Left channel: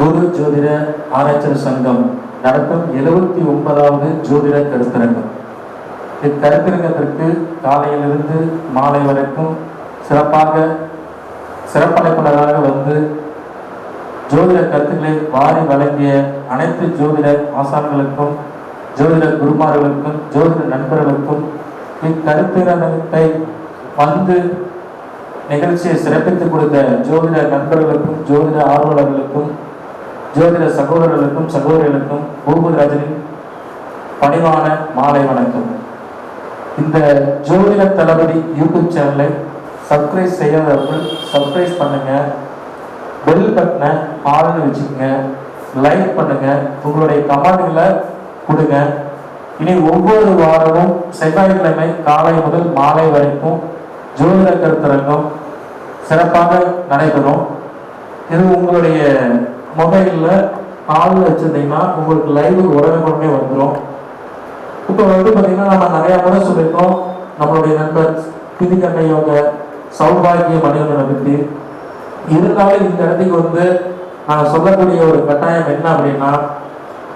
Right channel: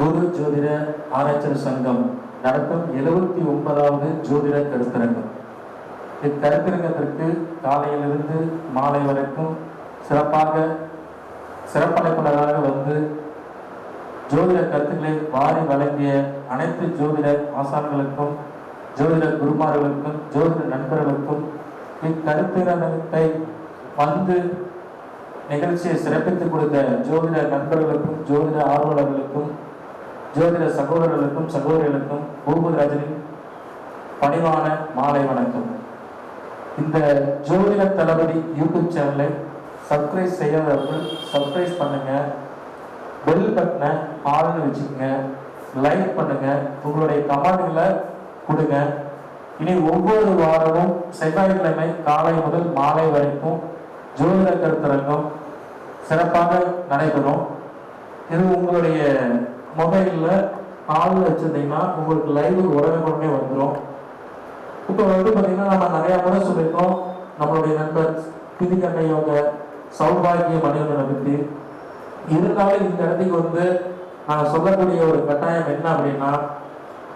குரு ஜோதிட ஆராய்ச்சி சங்கம் நடத்தும் 79வது ஜோதிட கருத்தரங்கம். இக்கருத்தரங்கத்திற்கு காலையிலிருந்து மாலை வரைக்கும் சிறப்படைப்பாளராக வந்து ஜோதிட கருத்துக்களை வாரி வழங்கிய அனைத்து ஜோதிட ஆசான்களுக்கும், ஜோதிட குருமார்களுக்கும், ஜோதிட நண்பர்களுக்கும், இக்கருத்தரங்கத்தை வந்து நிகழ்ச்சியை சிறப்பித்துக் கொடுத்த ஜோதிட நண்பர்களுக்கும், ஜோதிட ஆர்வலர்களுக்கும், ஜோதிட சகோதரர்களுக்கும் சகோதரிகளுக்கும் பூபதிராஜனின் பணிவான மாலை வணக்கம். இந்த ஜோதிட தளபதி யூடியூப் சேனலை சப்ஸ்கிரைப் செய்யாதவர்கள் சப்ஸ்கிரைப் பண்ணுங்க, பெல் பட்டனை ஆள்னு வச்சுக்கோங்க, லைக் பண்ணுங்க, உங்களுடைய கமெண்ட்களை கொடுங்க. இனி ஒவ்வொரு வாரமும் செவ்வாய்க்கிழமை காலை முதல் மாலை வரைக்கும் ஜோதிட கருத்தரங்கம் சிறப்பாக நடைபெறும். இது உங்களுடைய மொபைலில் ஆள் வச்சிருந்தீங்கன்னா உங்களுக்கு லைவ் உடனே வந்துடும். இப்போ வந்து பார்த்தீங்கன்னா நம்ம நிறையா முறை சொல்லியிருக்கோம் நம்மளுடைய நண்பர் திதிகண்ணையோட சௌபாகிய மனிதனை பற்றி. இருந்தாலும் இந்த இடத்துக்கு வந்து நான் சொல்லக்கூடிய ஒரு கட்டாயம் என்ன அப்படின்னா,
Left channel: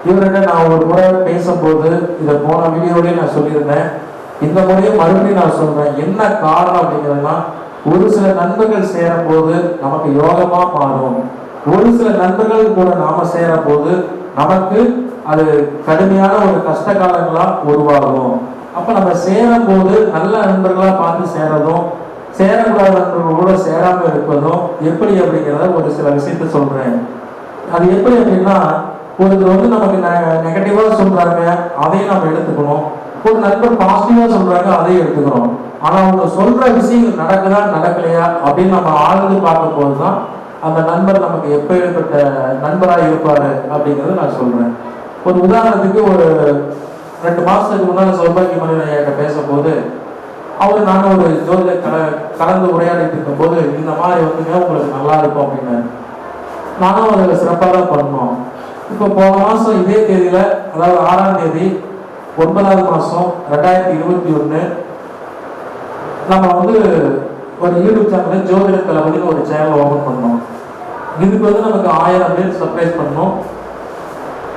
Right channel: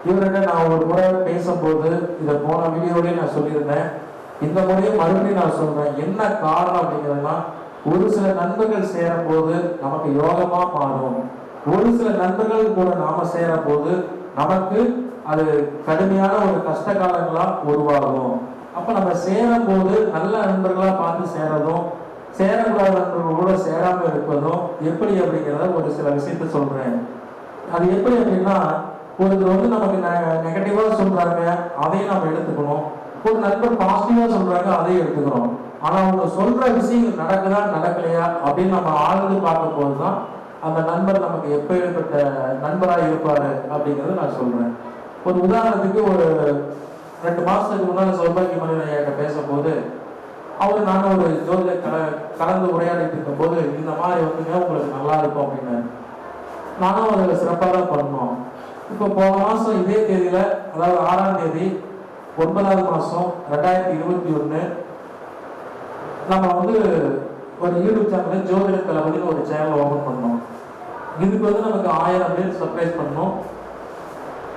இவர்கிட்ட நான் ஒரு முறை பேசும்போது இதை போன வீடியோலேயே நான் சொல்லியிருந்தேன், இந்த முறையும் மறுபடியும் நான் சொல்றேன். என்ன காரணம் அப்படிங்கிறதுனா, ஒரு சில நண்பர்கள் சேரும் போது நமக்கு யோகமா மாறும், ஒரு சில நண்பர்கள் கூட நாம சேரும் போது நமக்கு அது கடுமையான ஒரு கஷ்ட காலங்களா உருவாகும். அப்ப நம்ம சேரும் போது நல்ல நண்பர்களா பார்த்து சேரதும், சேரக்கூடாத நண்பர்களோட சேராம இருப்பதும் எப்படி அப்படிங்கிறத ஒரு சில விஷயத்த சொல்றேன். அது எப்படி அப்படின்னா, ஒருத்தர் வந்து நமக்கு நெகட்டிவா சொல்றாங்க, அதையும் நம்ம எடுத்துக்கணும். ஒரு நண்பர் பாசிட்டிவா சொல்றாங்க, அதையும் எடுத்துக்கிறோம். ஆனா அவங்க சொல்ற விஷயங்கள் நடக்குதா நடக்கலையா அப்படின்னு நம்ம ஆழ்ந்து பார்க்கும் போதுதான் அந்த நண்பர் நமக்கு எப்பேற்பட்ட நண்பராக இருப்பாரு அப்படிங்கிறத நான் சொல்றேன். ஒரு உதாரணத்துக்கு, ஒரு 2 மாசத்துக்கு முன்னாடி சௌபாகிய மனிதன் பேசும்போது அவர் நானும் ஒரு ஜோதிட கலந்து உரையாடிட்டு இருக்கும் போது இந்த மாதிரி வந்துங்க உங்களுக்கு நல்லா இருக்கும் அப்படின்னு நானும் அதில் சிறப்பாக தான் பண்ணோம். இப்போ போன மாசம் இதே தேதியில, அதாவது 6ஆம் தேதி 9வது மாசம் 2021 நம்ம வந்து ஒரு யூடியூப் சேனல் ஜோதிட தளபதினு ஒரு சேனல் ஓபன் பண்ணோம். இதுக்கு வந்து நமக்கு 1000 பேர் சப்ஸ்கிரைப் பண்ணணும்,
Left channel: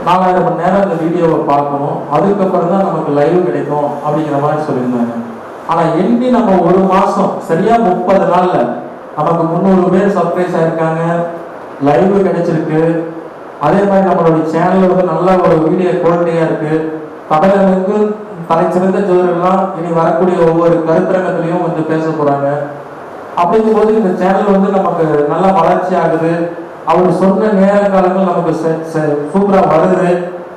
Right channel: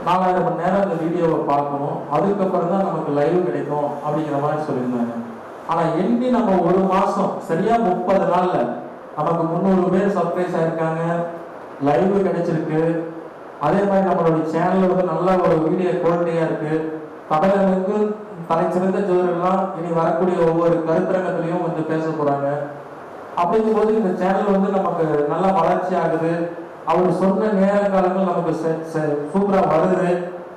4000 மணி நேரம் இந்த வீடியோவை பார்க்கணும், அதுக்கப்புறம் தான் நமக்கு லைவ் கிடைக்கும் அப்படிங்கிற மாதிரி சொல்லியிருந்தாங்க. ஆனா எண்ணி நம்ம ஒரு மாசம் சரியா 30 நாள்ல நமக்கு 300 பேர் சப்ஸ்கிரைப் ஆயிருக்காங்க, லைவ் கிடைச்சிருக்கு. அதே மாதிரி நம்மளுடைய சேனல் வந்து நல்ல ஒரு வீடியோ குவாலிட்டியா இருக்கு. தமிழர்களுக்கு தலைச்சிறந்த ஜோதிடர்கள்லாம் இனி வரக்கூடிய ஒவ்வொரு கருத்தரங்கத்திலையும் வந்து பேச போறாங்க. அப்படிங்கும் போது இந்த சேனல் வந்து நமக்கு நல்ல வளர்ச்சி ஆகுது. அவர் சொன்ன நேர காலங்கள் நமக்கு சூப்பரா வருது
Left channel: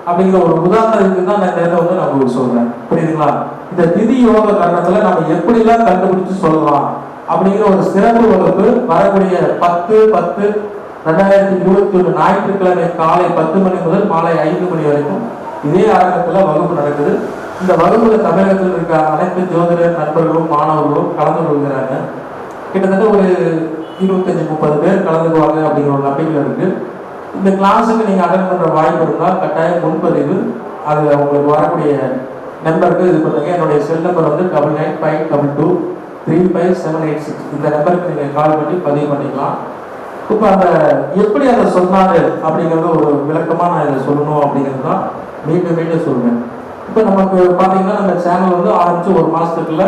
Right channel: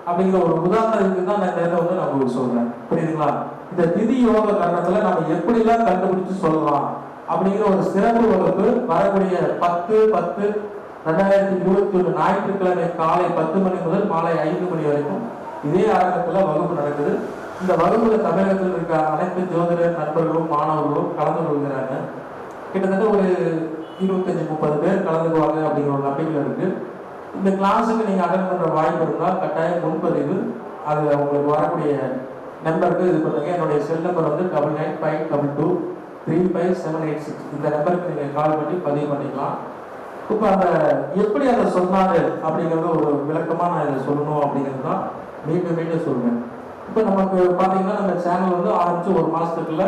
அப்படிங்கிற ஒரு உதாரணத்துக்கு தான் நான் இந்த வந்து நான் உங்களுக்கு சொல்றேன். புரியுதுங்களா? இந்த திதி யோக காரணத்துல நம்ம எப்படிலாம் கண்டுபிடிச்சு சொல்லலாம் அப்படிங்கிற ஒரு சிறப்பு வகுப்பு வரக்கூடிய 10/10/2021 ஞாயிற்றுக்கிழமை காலை 10 மணி முதல் மாலை 5 மணி வரைக்கும் இதே அரங்கத்துல வகுப்பு நடக்குது. இந்த வகுப்புல தமிழகத்தில் இருக்க அனைத்து ஜோதிட நண்பர்களும் மாணவர்களும் கலந்து கொள்கிறாங்க. கிட்டத்தட்ட ஒரு 25-30 பேர் கலந்துக்குவாங்க அப்படிங்கிற ஒரு நம்பிக்கை இருக்கு. இந்த கிளாஸுக்கு நீங்க அட்டன் பண்ற வாய்ப்பு இருந்தால் கட்டாயம் முன்பதிவு, அது உங்களுக்கு வரக்கூடிய நம்பருக்கு இது பண்ணுங்க. என்னுடைய செல் நம்பர் வந்து 9952235786. இந்த நம்பருக்கு நீங்க கால் பண்ணி பதிவு பண்ணிக்கலாம். இப்போ அந்த எப்படி அதை சொன்னாரு அப்படிங்கிறது ஒரு விளக்கமா நான் இதை சொல்லணும் அப்படிங்கிறது தான் மீண்டும் சொல்றேன். இப்போ நமக்கு பார்த்தீங்கன்னா நம்ம சேனல் வந்து ஆரம்பிச்சு ஒரு மாசத்துக்குள்ள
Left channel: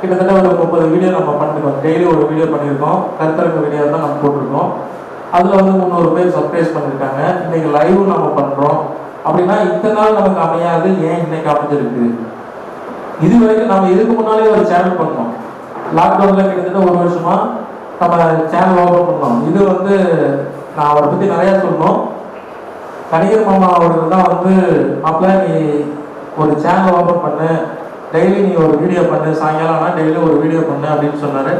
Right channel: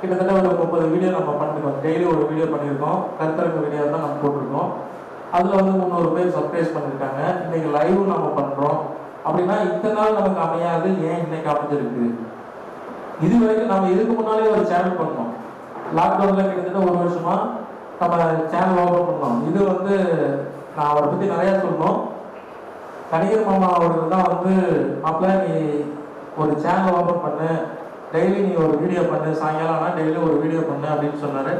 கிட்டத்தட்ட ஒரு 30 வீடியோ நம்ம பண்ணிருக்கோம். டெய்லி ஒரு வீடியோ பண்ணியிருக்கோம். கருத்தரங்க வீடியோ தான் நம்ம போட்டிருக்கோம். அதுல வந்து 300 பேர் சப்ஸ்கிரைப் பண்ணியிருக்காங்க. இன்னைக்கு லைவ் நம்ம பண்றோம் அப்படின்னா இத்தனை நாள் நமக்கு அமையாது, ஏன் இன்னைக்கு அமைஞ்சிருக்கு? இது வரைக்கும் நம்ம இதுக்கு முன்னாலே ஒரு சேனல் பண்ணோம். லாக்டவுன்ல கிட்டத்தட்ட 1 வருஷமா நம்ம சேனல் ஓபன் பண்ணோம். இது வந்து நான் அவரை பத்தி நிறைய சொன்னோம். கணிகர் மாமா அவர்கள் தான் வந்து, அப்பல நீ ஒரு சேனல் ஓபன் பண்ணு, டெய்லி நீ ஒரு வீடியோ பண்ணு, சாயங்காலம் ஆனால் டெய்லி ஒரு வீடியோ பண்ணு அப்படின்னு சொன்னாரு.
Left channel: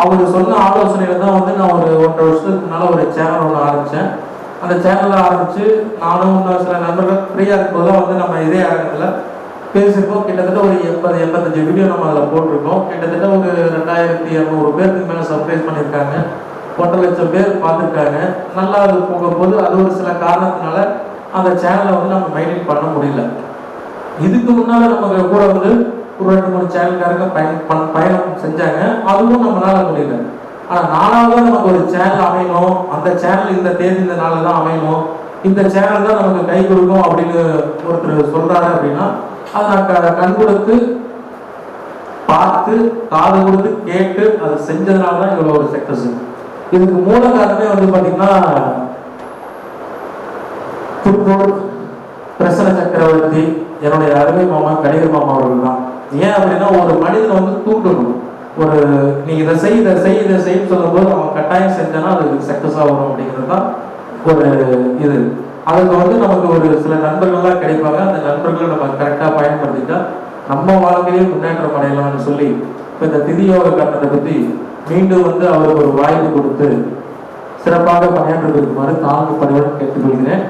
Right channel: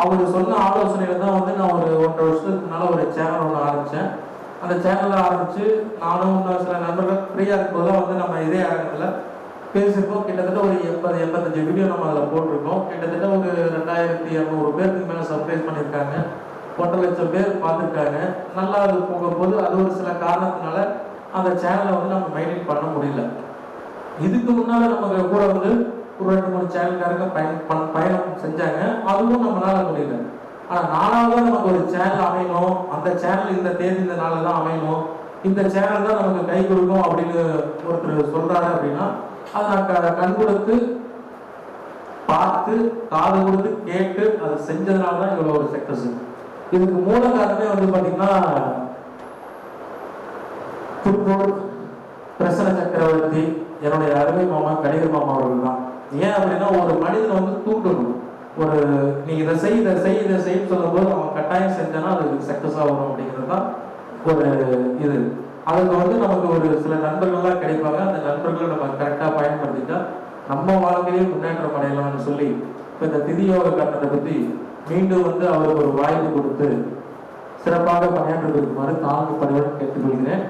அவர் சொன்ன ஆலோசனையில தான் வந்து நான் ஒரு 1.5 வருஷத்துக்கு முன்னால ஒரு சேனல் ஒன்று ஆரம்பித்தேன். அந்த சேனலில் ஆரம்பித்து நானும் இன்னும் சில நண்பர்கள் ஃப்ரீயாக இருக்கும்போது வந்து நம்ம இதே அரங்கத்தில் பேசியிருக்கோம். கிட்டத்தட்ட ஒரு 80-85 வீடியோ நம்ம அதில் போட்டிருக்கோம். கிட்டத்தட்ட ஒரு 2200 பேருக்கு மேலே சப்ஸ்கிரைப் பண்ணியிருக்காங்க, 1.5 லட்சம் பேர் பார்த்துருக்காங்க. நல்லா அது போகும்போது அது ஒரு சில காரணத்தினால அந்த சேனலை வந்து நம்ம மெயின்டைன் பண்ண முடியல. இதுக்கு முன்னால நம்ம கூட வந்து ஒரு 2-3 சேனல்காரங்க பயணம் செஞ்சாங்க, அதுவும் நம்மளால முடியல. ஆனால் நாலாவது நமக்கு ஒரு சேனல் அமையணும், அந்த சேனல் இந்த தேதி இந்த நாளில் தான் அமையணும், இந்த சேனல் தான் நமக்கு கை கொடுக்கும் அப்படின்னு ஒருத்தர் சொல்றாரு அப்படின்னா அதை நான் கண் கொடுத்து பார்த்து காது கொடுத்து கேட்டு அதை செஞ்சதுனால தான் இவ்வளோ ஒரு சக்சஸ். இதுக்கு மூல காரணமே வந்து பார்த்தீங்கன்னா திருப்பூர் பிரசன்ன சக்கரவர்த்தி என்னுடைய அருமை மாமா கணித மாமா அவர்கள் தான். ஏன் அப்படின்னா ஒரு மனிதனை வந்து தூண்டணும், ஒரு நீ இதை செய் இதை செய் இதை செய்யன்னு சொல்லும்போது அவன் கட்டாயம் செஞ்சானா அது சக்சஸாக வரும் அப்படிங்கிறது தான் ஒரு இது. அதுக்கு வந்து நமக்கு ஒரு சில நண்பர்கள்லாம் கிடைப்பாங்க, அந்த நண்பர்களை நம்ம கரெக்டாக பயன்படுத்திட்டா நம்ம வாழ்க்கையே முன்னேற்றம் அடையலாம்னு சொல்லி இப்போ இந்த திதியோக கட்டத்தை பற்றி மீண்டும் வந்து அவருக்கு ஒரு வாய்ப்பு கொடுத்து சிறப்பாக பணியாற்றி இருக்குமாறு தாழ்வு பணியுடன் கேட்டுக்கொள்கிறேன்.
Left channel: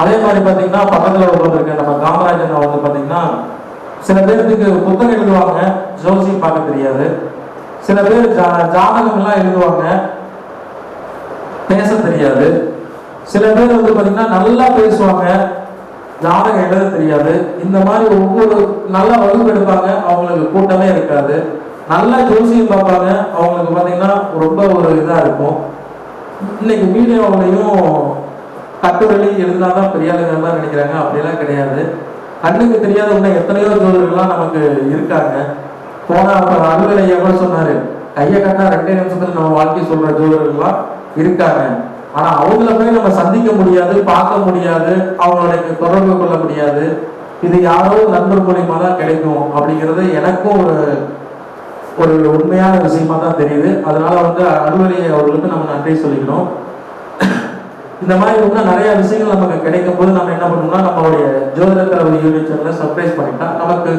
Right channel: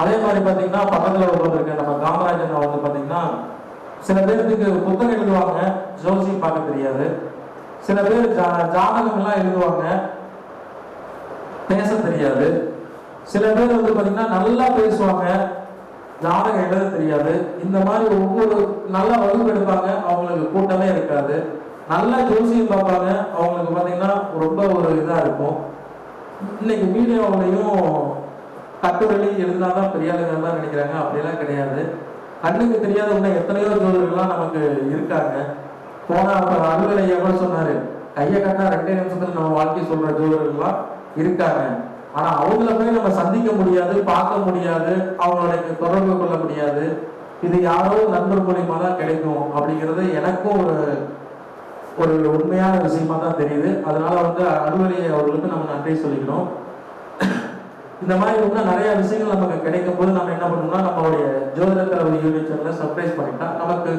அதே மாதிரி பார்த்தீங்கன்னா பக்கத்தில் உட்காந்துருக்க நம்ம காமராஜன் வந்து பார்த்தீங்கன்னா சில பேருக்கு புத்தகம் எழுதுவாங்க, ஜோசியம் பார்க்க தெரியாது. சில பேர் ஜாதகம்லாம் எழுதுவாங்க, பேச தெரியாது. சில பேர் வந்து பார்த்தீங்கன்னா நல்லா பேசுவாங்க, ஜாதகம் எழுத தெரியாது. இந்த மாதிரி ஒவ்வொரு நல்ல வகுப்பு எடுப்பாங்க, அவங்களுக்கு கூட்டமே இருக்காது. நல்லா ஜோசியம் பார்ப்பாங்க, அவங்களுக்கு பார்த்தீங்கன்னா ரொம்ப ஒரு இதாக இருக்கும். இன்னைக்கு மீடியாவிலையும் கட்டுரை எழுதினாதான் பெரிய ஆளுங்கள்லாம் நினைக்கிறாங்க, அப்படியெல்லாம் கிடையாது. கண்ணுக்கு தெரியாத இன்னும் எத்தனையோ ஜோதிடர்கள்லாம் நமக்கு இருக்காங்க. போனா அலுவலை எவ்வளோ சொன்னாரு, கையை கட்டினா 2 நிமிஷத்துல நம்ம வாழ்க்கை சொல்ற ஜோதிடர்கள்லாம் இருக்காங்க. ஆனா அவங்கள போய் நம்ம சந்திக்க முடியாது, பார்க்க முடியாது, அவங்களுடைய தொடர்பு கொள்ள முடியாது. இது யாரோ நண்பர் மூலியமா தான் கிடைக்கும் அப்படிங்கிறது எனக்கும் ஒரு உண்மையான விஷயமா தான் தெரியுது. அதனால வந்து அலுவலி அவர்களுக்கு நம்ம நன்றி சொல்லிக்கணும். இந்த மாதிரி இன்னும் நிறைய விஷயங்கள் நமக்கு கிடைக்கும் போது நம்ம என்ன பண்ணணும்னா நம்மளுடைய ஜோதிடத்தரவு யூடியூப் சேனலை சப்ஸ்கிரைப் பண்ணிட்டா நமக்கு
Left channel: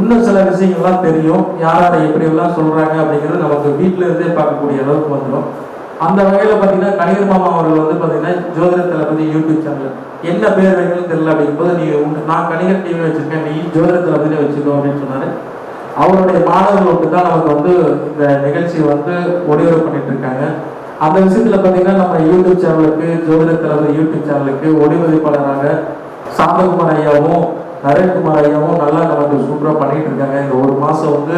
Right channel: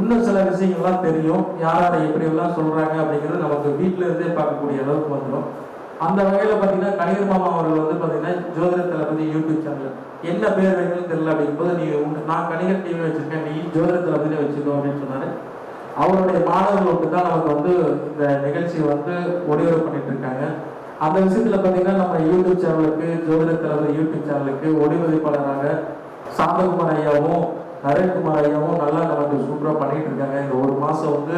இன்னும் சில விஷயங்கள்லாம் தெரியும், யாராரை எப்படி எல்லாம் சொல்றாங்க அப்படிங்கிறது நமக்கு வீட்டில இருந்தே பார்க்கக்கூடிய அளவுக்கு வந்துடும். அந்த வகையில பாத்தீங்கன்னா கணிகர் மாமா அவர்கள் வந்து பாத்தீங்கன்னா ஜோதிட தளபதி யூடியூப் சேனல் என்ன பேர் வைக்கணும்னு தெரியல அப்படிங்கும்போது நீ நான் கணிகர் டிவி வச்சிருக்கேன், நீ ஜோதிட தளபதி வச்சுக்கோ அப்படின்னு சொன்னாரு. அவருடைய மாணவர்களுக்கு தான் நமக்கு வந்து இந்த நிகழ்ச்சியை வந்து ஒளிபரப்பு பண்ணிட்டு இருக்காங்க. அந்த விஷயத்துல பாத்தீங்கன்னா நம்ம யூடியூப் சேனலுக்கு ஜோதிட தளபதி யூடியூப் சேனலுக்கு ஒளிபதிப்பாளராக சாந்தகுமார் ஐயாவும் நரேன்குமார் ஐயாவும் நல்லா நமக்கு சூப்பரா பண்ணிட்டு இருக்காங்க. இந்த ஒரு மாசம் வந்து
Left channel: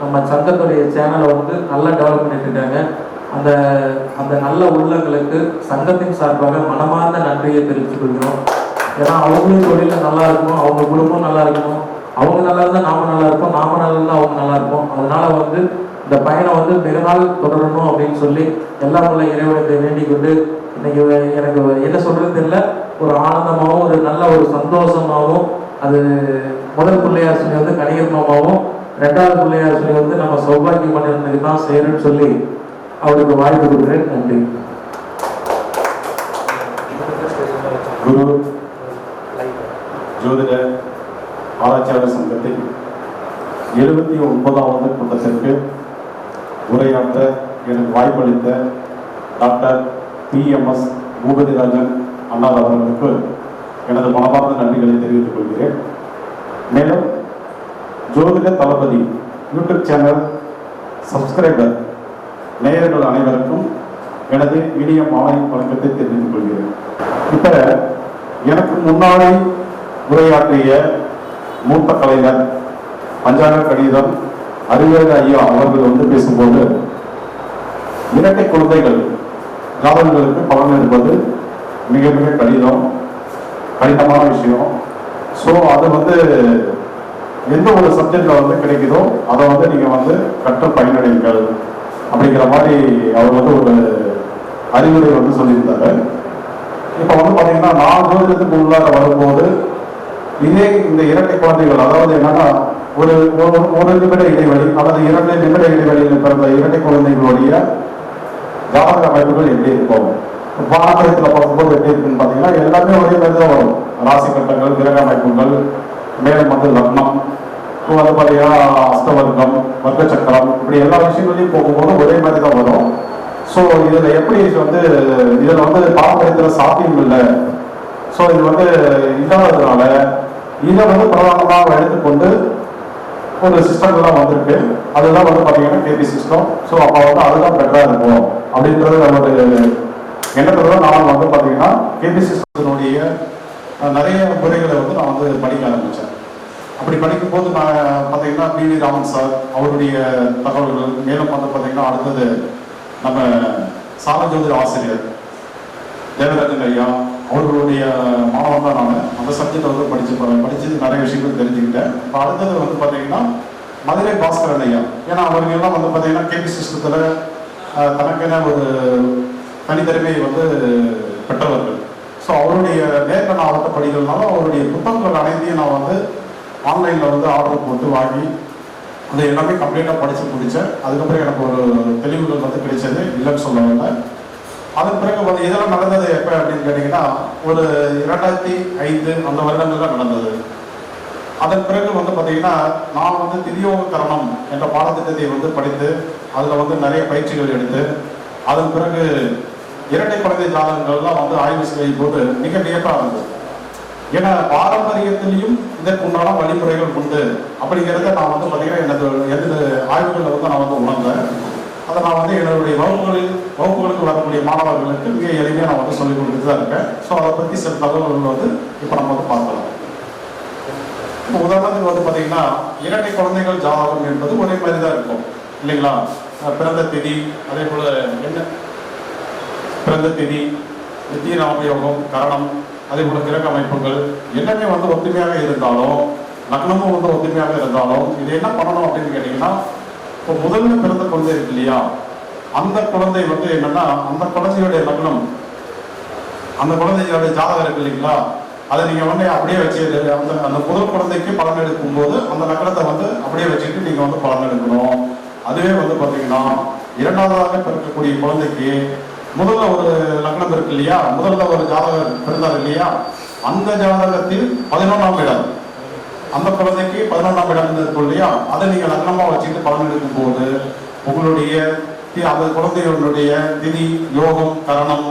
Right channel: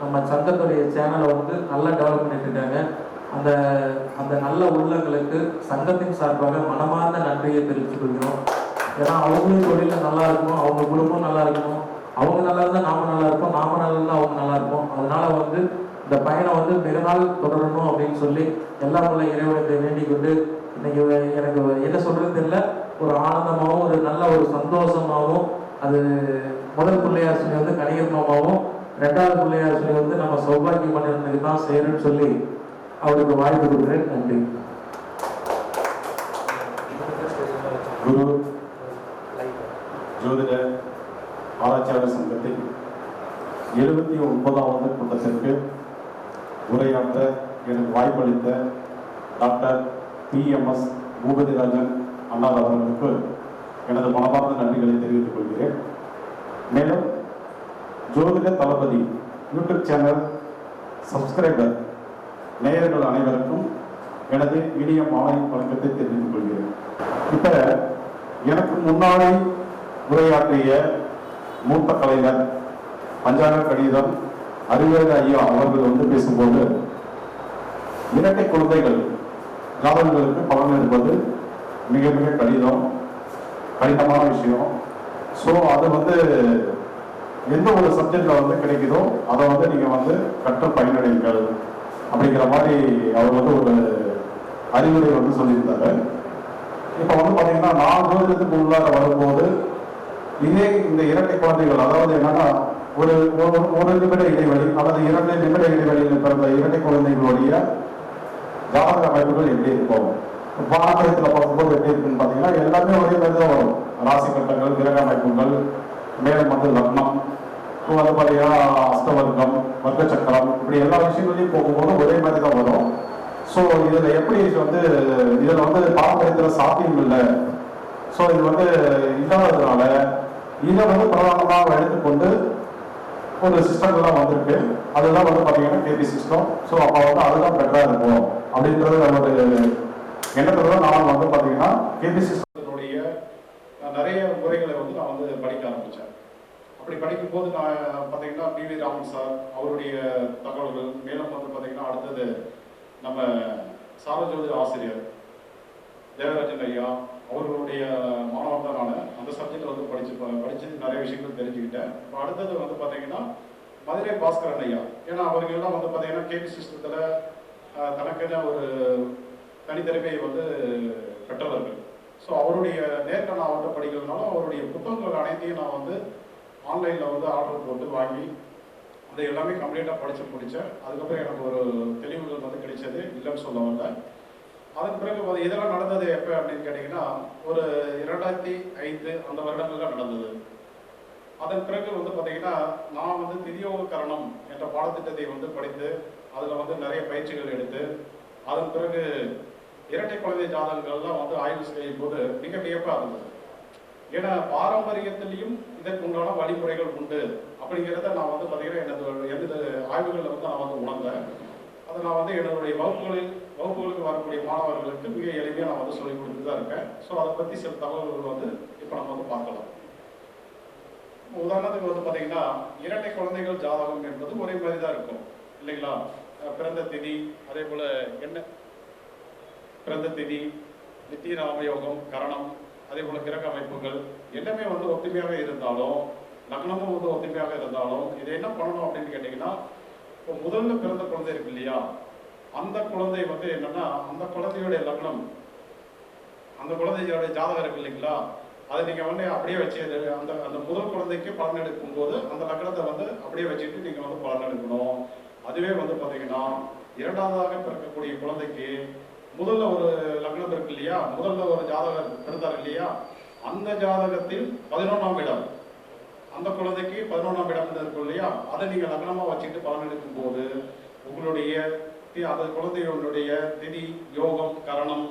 நம்ம சங்கத்துடைய சேனலை வந்து நல்லா டெவலப் பண்ணிட்டு இருக்காங்க. அந்த அந்த நல்ல உள்ளங்களுக்கு சங்கத்தின் சார்பாக மனமார்ந்த நன்றியை தெரிவித்துக் கொள்கிறோம். ஏன்னா அவங்களும் தொழில நல்லா இருக்கணும், அவங்க குடும்பம் நல்லா இருக்கணும், அவங்க நல்லா இருந்தால் நாம நல்லா இருப்போம், நாம நல்லா இருந்தால் அவங்க நல்லா இருப்போம். அதனால வந்து இந்த பயணம் வந்து மிக நாள் தொடரணும் அப்படின்னு சொல்லி எல்லாம் உள்ள இறைவனத்தை வேண்டிக் கொண்டு இன்னைக்கு எனக்கு என்ன சொல்றது தெரியல, ஒரு ஆனந்தமாகவும் ஒரு நல்ல ஒரு சந்தோஷமாகவும், அது முதல் பிள்ளையார் சொல்லி வந்து கணிகர் மாமாவும், 2வது பிள்ளையார் சொல்லி வந்து நம்ம சௌபாகியம் பண்ணிருந்ததுக்கு தான் செய்யறேன்னு சொல்லி அவருக்கு வாய்ப்பு கொடுக்குறேன். நன்றி. குரு ஜோதிட ஆராய்ச்சியாளர் சங்கத்தின் 79வது கூட்டத்திற்கு உரையாற்ற எனக்கு வாய்ப்பளித்த டாக்டர் PMS பூபதிராஜன் அண்ணார் அவர்களுக்கு எனது மனமார்ந்த நன்றிகளை தெரிவித்துக் கொள்கிறேன். மேலும் ஜோதிட தளபதி யூடியூப் சேனல் சப்ஸ்கிரைபர் நேயர்கள் அனைவருக்கும் எனது இனிய மாலை வணக்கத்தை தெரிவித்துக் கொள்கிறேன். இப்ப எனக்கு முன்னாடி உரையாற்றிய மூத்த கலைஞர் பஞ்சாங்க கணிதம் அறிவியல் ஐயா அவர்கள் வந்து பேசும்போது இரட்டை குழந்தைகள் ஜாதகங்களுக்கு பலன் எடுப்பது மிக மிக கடினமான விஷயம். ஸோ அது வந்து எந்த ஒரு சப்ஜெக்ட்ல வந்து கிடைக்குதோ அதை வந்து நீங்க வந்து கற்று பயனடைங்கள் அப்படிங்கிற மாதிரி அவர் வந்து ஒரு அறிவுரை வந்து சொல்லியிருந்தாரு. இப்போ வந்து பார்த்தீங்கன்னா நான் ஜோதிடத்துக்கு உள்ளார வரும்போது இதே இந்த இரட்டை குழந்தைகள், அதாவது என்னன்னா ஒரு நிமிட இடைவெளி அல்லது 2 நிமிட இடைவெளியில் பிறந்த இரட்டை குழந்தைகளுடைய ஜாதக அமைப்புகள் எப்படி இருக்கும், பாரம்பரியத்தில் பார்க்கும்போது எப்படி இருக்குன்னு பார்த்தீங்கன்னா எல்லாமே ஒரே மாதிரி தான் வரும். ராசி கட்டங்கள், கிரக அமைப்புகள், மேலும் வந்து லக்னம், அது பார்த்தீங்கன்னா அஷ்டவர்க்கம், வர்க்க சக்கரம், இப்படி எல்லா விஷயங்களையும் போகும்போது ஒரே மாதிரி தான் வரும். ஸோ இதில் எப்படி வந்து இதில் வந்து பாரம்பரியத்தில் சாத்தியம் இல்லை. ஸோ இது வந்து இல்லாததுனால இதை வந்து பிரதானமாக எடுத்துக்கொண்டு ஒரு சிஸ்டம்லாம் வந்திருக்கு. அதுதான் வந்து பார்த்தீங்கன்னா கேபி சிஸ்டம். ஸோ அப்போ வந்து அதுதான் பெட்டராக இருக்கும் அப்படின்றது நம்மளுடைய எண்ணத்துல நான் வந்து பார்த்தீங்கன்னா கேபி சிஸ்டத்தினுடைய நிறைய முறைகளை வந்து நான் வந்து படிக்க ஆரம்பித்தேன். அப்படி படிக்கும்போது நான் பார்த்தீங்கன்னா PV ராமன் சார் அவருடைய தகவல்கள், மேலும் வந்து பார்த்தீங்கன்னா அடுத்தது நம்ம சாலஜோதி ஆசிரியர் தேவராஜன் ஐயா அவர்களுடைய மாணவன் தான் நான். அந்த சப்ஜெக்டை வந்து படிச்சு நிறைய விஷயங்கள் தெரிஞ்சுக்கிட்டேன். இப்போ அடுத்தது வந்து பார்த்தீங்கன்னா மதுரை பாஸ்கரன் ஐயா. ஏன்னா அவர்களெல்லாம் வந்து பார்த்தீங்கன்னா கேபி சிஸ்டத்தில் தனக்கென ஒரு தனித்திறமையை வந்து பெற்றவர்கள். ஸோ அவருடைய நேரில் நான் அவர்கிட்ட படிக்கிறதுனால அவருடைய புத்தகங்கள் அனைத்தையும் நான் வந்து ஆன்லைனில் வந்து ஆர்டர் போட்டு வாங்கி அதை எல்லாமே கம்ப்ளீட்டாக படித்து முடித்தேன். அதுக்கப்புறம் எனக்கு ஒரு தெளிவுகள் வந்து கிடைச்சது, இல்லைன்னு சொல்ல வரல. அதன் பிறகு வந்து இதெல்லாம் நடந்தது எப்போ அப்படின்னு கேட்டிங்கன்னா ஒரு 2005 அந்த வருடங்கள்லாம் நடந்தது. அதன் பிறகு வந்து பார்த்தீங்கன்னா நான் வந்து திரியோகரணம் என்ற பாடத்திட்டத்தை வந்து படித்து அதில் வந்து நிறைய பயிற்சிகள் எடுத்து அதன் பிறகு இரட்டை குழந்தை ஜாதகங்கள்லாம் வந்து ஆய்வு செய்யும் போது மிக வியப்பாக இருந்தது. ஏன்னா பாரம்பரியத்திலையும் இதற்கு உண்டான வழிமுறைகள் உண்டு அப்படிங்கிறத நான் வந்து பார்த்தீங்கன்னா எனது ஆய்வுகளில் வந்து நான் வந்து உணர்ந்தேன். அதை நான் வந்து என்னுடைய வகுப்புகளுக்கு வரக்கூடிய மாணவர்களுக்கு மிக எளிமையாக நான் வந்து சொல்லிக் கொடுத்துட்டு தான் இருக்கேன். ஸோ அதை பற்றி சில தகவல்கள் வந்து இப்போ நம்ம வந்து பார்க்கலாம். இப்போ உதாரணத்துக்கு வந்து பார்த்தீங்கன்னா இரட்டை குழந்தைகள் ஜாதகம் என்பது ஒரே மாதிரி தான் இருக்கும் இல்லைங்களா? பிறந்த திதி, அதே போல் என்ன பிறந்த திதி, நித்திய நாமயோகம், கரணம், அதே போல கிரக அமைப்புகள் எல்லாமே வந்து ஒத்துமையாக இருந்தாலும் லக்னமும் வந்து ஒத்துமையாக இருந்தாலும் இது என்ன பண்ணணும் அப்படின்னு கேட்டீங்கன்னா, இப்போ முதல்ல பிறந்த குழந்தை இருக்கு இல்லையா, அந்த குழந்தை வந்து என்னன்னா அந்த குழந்தையுடைய லக்னம், அந்த குழந்தையோட ஜாதகம் இருக்கு இல்லைங்களா, அதை நீங்க வந்து அப்படியே வச்சு அந்த முதல் குழந்தைக்கு பலன் எடுக்கும் போது அந்த லக்னத்தை வந்து அப்படியே வச்சுட்டு நீங்க வந்து பலன் எடுக்கணும். அதுவே வந்து பாத்தீங்கன்னா இரண்டாவதாக பிறக்கக்கூடிய குழந்தைக்கு முதல்ல ஒரு லக்னம் இருக்கு இல்லையா, முதல்ல ஒரு ஜாதகம் பிறந்தார் இல்லையா, அந்த ஜாதகத்தில் 11ஆம் இடம், அந்த குழந்தைக்கு 11ஆம் இடம் இருக்கும் இல்லையா, அதை நீங்க லக்னமா வச்சுட்டு பலன் எடுக்கும் போது உங்களுடைய அந்த குழந்தைகளுடைய திதி, யோகம், கரணம்,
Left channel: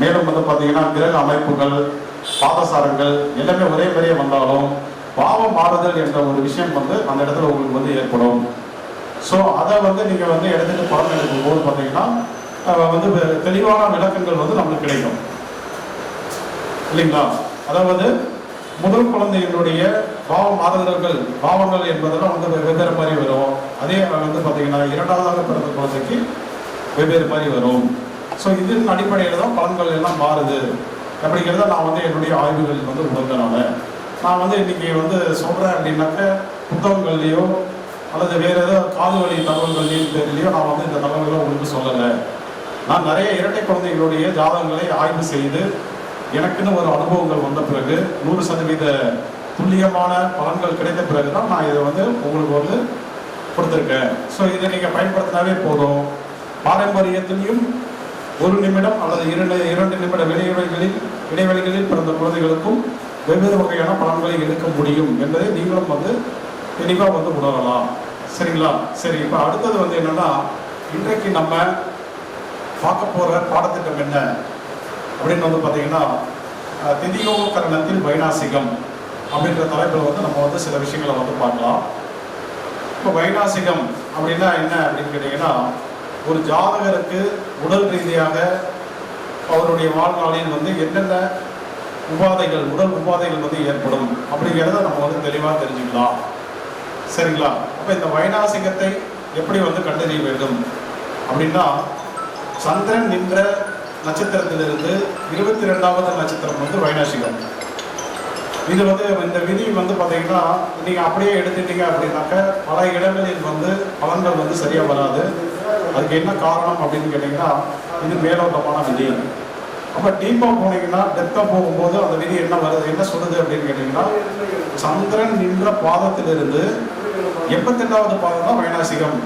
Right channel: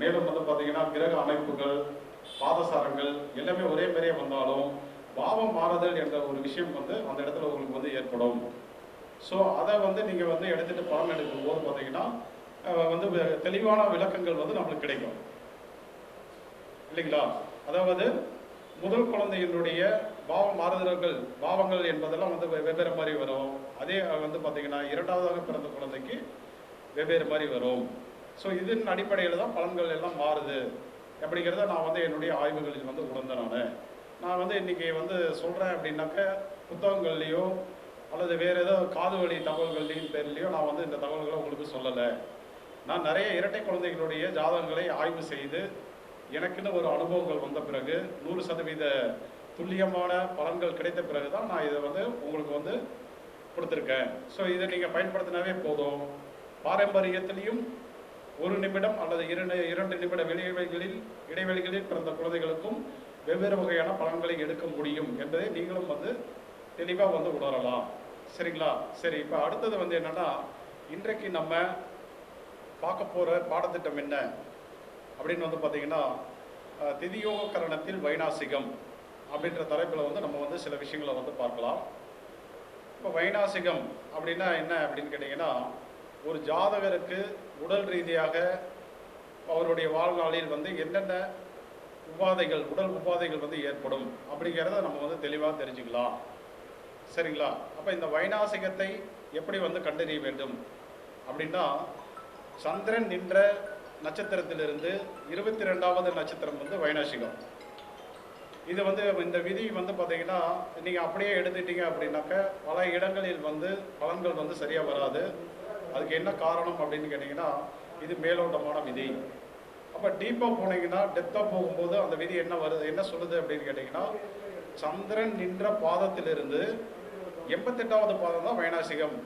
மேலும் வந்து பாத்தீங்கன்னா கிரக அமைப்புகள், பாதசாரங்கள் எல்லாமே ஒரே மாதிரியே வந்தாலும் பாவம் மாறுதல் என்ற ஒரு விஷயம் வந்து அந்த இடத்துல உங்களுக்கு வந்து ஏற்படும். ஸோ அதை வந்து நீங்க வந்து எடுத்துட்டு பலன் எடுக்கும் போது பாத்தீங்கன்னா வந்து தெளிவான விளக்கங்கள் வந்து நம்மளுக்கு கிடைக்கும் இல்லைங்களா. அதாவது முதல் குழந்தைகளுடைய பாவ மாறுதல்கள், பாவங்கள் என்பதெல்லாம் வந்து வெவ்வேறு மாதிரி வரும். அதே வந்து பார்த்தீங்கன்னா இரண்டாவதாக பிறந்த குழந்தைக்கு வெவ்வேறு மாதிரி வரும். ஸோ இதன் அடிப்படையில் தான் பலன்கள் எல்லாம் மாறுது அப்படிங்கிறத நான் வந்து என்னுடைய ஆய்வுகளில் வந்து உணர்ந்தனால நான் வந்து இன்னைக்கு வந்து சொல்கிறேன் அப்படின்னாக்க புத்தகங்கள்லையோ அல்லது வேறு ஏதோ காது வழி தகவல்கள்லையும் தெரியலையோ நான் வந்து இந்த தகவல்களை உங்களுக்கு சொல்லலை. நான் நிறைய இரட்டை குழந்தைகளுடைய ஜாதகங்களை ஆய்வு செய்து எனக்குன்னு ஒரு அனுபவங்கள் வந்த பிறகு 100% துல்லியமான பலன்கள் கிடைத்த பிறகு தான் நான் இதை வந்து உங்களுக்கு வந்து கொடுத்துருக்கேன். ஸோ இதை நீங்கள் பயன்படுத்தினாவே போதும். பாரம்பரியத்திலையும் 1 நிமிடம் அல்லது 2 நிமிட இடைவெளிகளில் பிறந்த குழந்தைகளுக்கும் வெவ்வேறு வகையான பலன்களை எடுக்க முடியும் என்பதை நீங்களும் வந்து தெளிவாக வந்து உணரலாம். சரிங்களா? சரி, இப்போ அடுத்தது வந்து என்னன்னா, இன்றைக்கு நம்ம பார்க்க போகிற பாடத்திட்டம் என்ன அப்படின்னு வந்து பார்த்தீங்கன்னா, திதியோகரணத்தில் வைநாசிகம் அப்படின்ற தலைப்பில் வந்து நம்ம வந்து சில விஷயங்களை வந்து பார்க்கலாம். இப்போ வைநாசிகம் அப்படின்னா என்ன அப்படின்னு கேட்டிங்கன்னா, ஒரு ஜாதகருக்கு உடல் ரீதியாக அவருடைய வாழ்நாளில் வந்து என்னென்ன உபாதைகள், உடல் உபாதைகள் வந்து ஏற்படும் அப்படிங்கிறத நம்ம வந்து தெளிவாக தெரிஞ்சுக்கலாம். சரிங்களா? அப்போ இந்த வைநாசிகத்தை எப்படி வந்து கண்டறிய வேண்டும் அப்படின்னா, சந்திரன் நின்ற நட்சத்திரத்திலிருந்து 22வது நட்சத்திரம் வந்து வைநாசிகம். இது வந்து இந்த விதி வந்து பார்த்தீங்கன்னா நீங்கள் அப்படியே எடுத்துட்டீங்க அப்படின்னாக்க பல இடங்களில் வந்து பலன்கள் வந்து சரியாக வராது. அதுக்கு என்ன காரணம் அப்படின்னு கேட்டிங்கன்னா, இது மேலோட்டமான விதி. அப்போ டீப்பாக போனீங்கன்னா, டெப்த்தாக போகும்போது அந்த விதி என்ன வருது, என்ன சொல்லுது அப்படின்னு கேட்டிங்கன்னா, சந்திரன் நின்ற பாதத்திலிருந்து 88வது பாதம் தான் வைநாசிகம்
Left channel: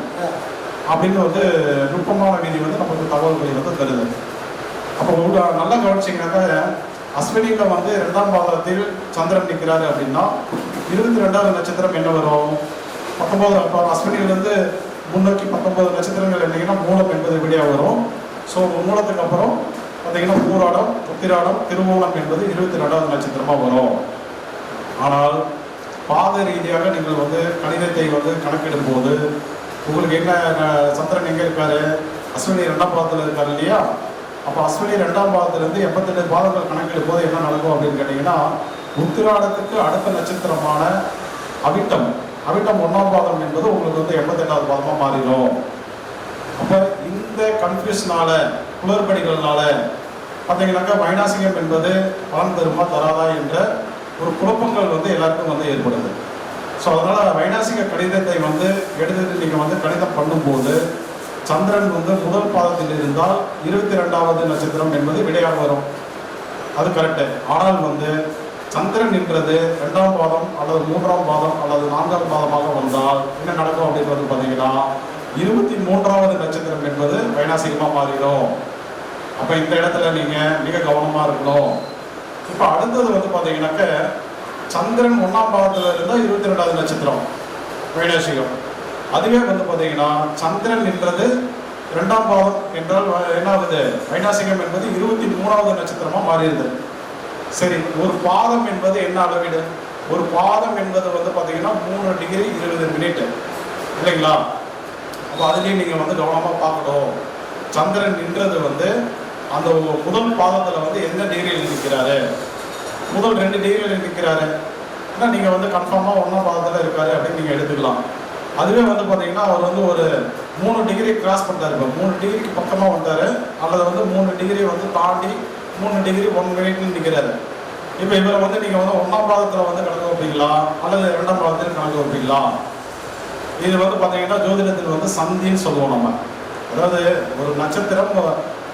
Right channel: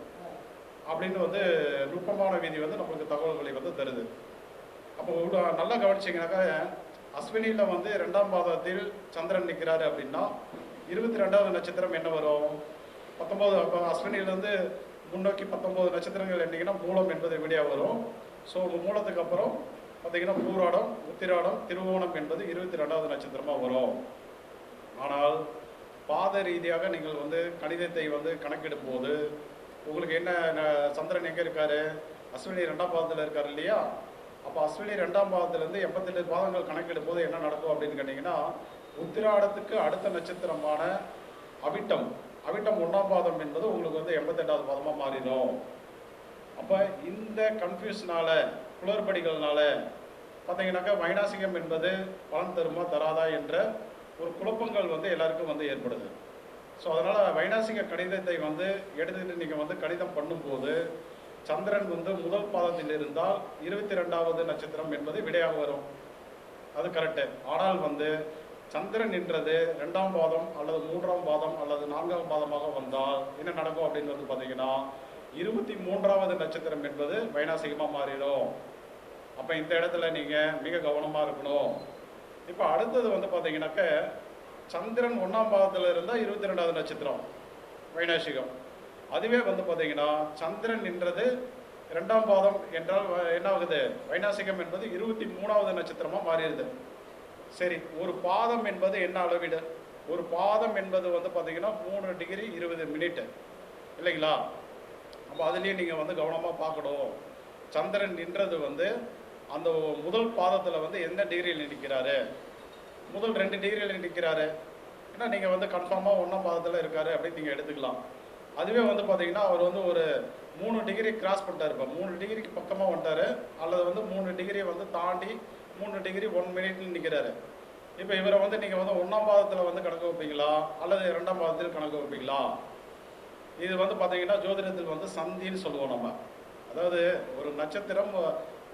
அப்படின்னு வந்து நுட்பமான விதி வந்து நமக்கு தகவல்களை வந்து தருது. அப்போ நல்லா கவனிச்சிங்கனாக்கா, அஸ்வினியில் வந்து 2ஆம் பாதத்தில் சந்திரன் நிற்கிறாரு அப்படின்னா 22வது நட்சத்திரம் என்ன வரும்? 19. அப்போ அஸ்வினியிலேருந்து முன்னோக்கி 19 நட்சத்திரங்கள் என்னங்கன்னா மூலம் என்பது விடையாக வரும். ஸோ மூலத்துக்கு அப்புறம் பார்த்தீங்கன்னா பூராடம், உத்திராடம், திருவோணம் என்பது 22வது நட்சத்திரமாக வரும். ஆனால் பாத ரீதியாக நீங்கள் வந்து கணிதத்தை வந்து கணக்கிடும் போது உங்களுக்கு என்ன, சந்திரன் எங்கே இருக்காரு? அஸ்வினி 2ஆம் பாதத்தில் இருக்காரு இல்லையா? அப்போ அஸ்வினி 2ஆம் பாதத்திலிருந்து 88 பாதங்கள் கணக்கிடும் போது என்ன நடக்கும் அப்படின்னு கேட்டிங்கன்னா, உத்திராடத்துக்கு அடுத்த நட்சத்திரமான அவிட்டம் 1ஆம் பாதம் என்பது உங்களுக்கு வந்து 88வது பாதமாக மாறிடும். அப்போ இந்த இந்த கன்ஃபியூஷனால குளறுபடிகள்னால பார்த்தீங்கன்னாக்கா வைநாசிகம் என்பது பலன் தருமா தராதா என்ற ஒரு குழப்பங்கள் வந்து எல்லாருக்கும் வந்து ஏற்படுது. ஸோ அதனால் வைநாசிக கணிதத்தை வந்து எடுத்துட்டு நீங்கள் வந்து கணிதம் பண்ணும்போது சந்திரன் வந்து முதல் பாதத்தில் இருந்தால் 22வது நட்சத்திரம் என்பது விடையாக வரும். அது கரெக்டு. ஆனால் வந்து சந்திரன் என்றது 2ஆம் பாதம் அல்லது 3ஆம் பாதம் அல்லது 4ஆம் பாதமாக வந்தால் என்ன நடக்கும் அப்படின்றது பார்த்தீங்கன்னா 23வது நட்சத்திரம் என்பது வைநாசிகமாக மாறிடும். அப்போ இந்த இடத்துல நீங்கள் மிக கவனமாக இருக்கணும். இப்போ அடுத்தது வந்து பார்த்தீங்கன்னாக்க சந்திரன் 1ஆம் பாதத்தில் இருந்தால் 22வது நட்சத்திரம் வைநாசிகம். அதுவே வந்து பார்த்தீங்கன்னா சந்திரன் என்றது 2ஆம் பாதம் என்றால் என்ன ஆகுது, வைநாசிகம் என்பது 23வது நட்சத்திரமாக மாறிடுது. சரி, ஒரு பாதம் என்பது என்ன அளவீடு? ஒரு பாதம் என்பது வந்து பார்த்தீங்கன்னா 3 டிகிரி 20 மினிட் இல்லைங்களா? அப்போ அதுலேயும் நீங்கள் வந்து கவனமாக பார்க்கணும். சந்திரன் நின்றது வந்து அந்த முதல் பாதத்தில் வந்து எந்த டிகிரியில் நிற்கிறாரு, முதல் 2 டிகிரியில் நிற்கிறாரு, ஏன்னா நீங்கள் வந்து கன்ஃபார்மாக 1ஆம் பாதத்தில் இருக்காரு அப்படின்னு நீங்கள் எடுத்துக்கலாம். அதுவே வந்து பார்த்தீங்கன்னா அவர் வந்து ஒரு 3 டிகிரி கிராஸ் பண்ணிட்டாரு, இப்போ 3 டிகிரிக்கு பக்கமாக வந்தார், அல்லது வந்து 3 டிகிரி வந்து தாண்டி 3 டிகிரி 1 மினிட்னு நிற்கிறாரு. இப்போ இவரை வந்து நீங்கள் வந்து 1ஆம் பாதத்தில் வந்து கணக்கு வைப்பீங்களா அல்லது 2ஆம் பாதத்தில் கணக்கு வைப்பீங்களா? இது வந்து பார்த்தீங்கன்னா ஜோதிடத்தில் வந்து சந்தின்னு சொல்லுவோம் நம்ம. அதாவது ஒரு நட்சத்திரம்,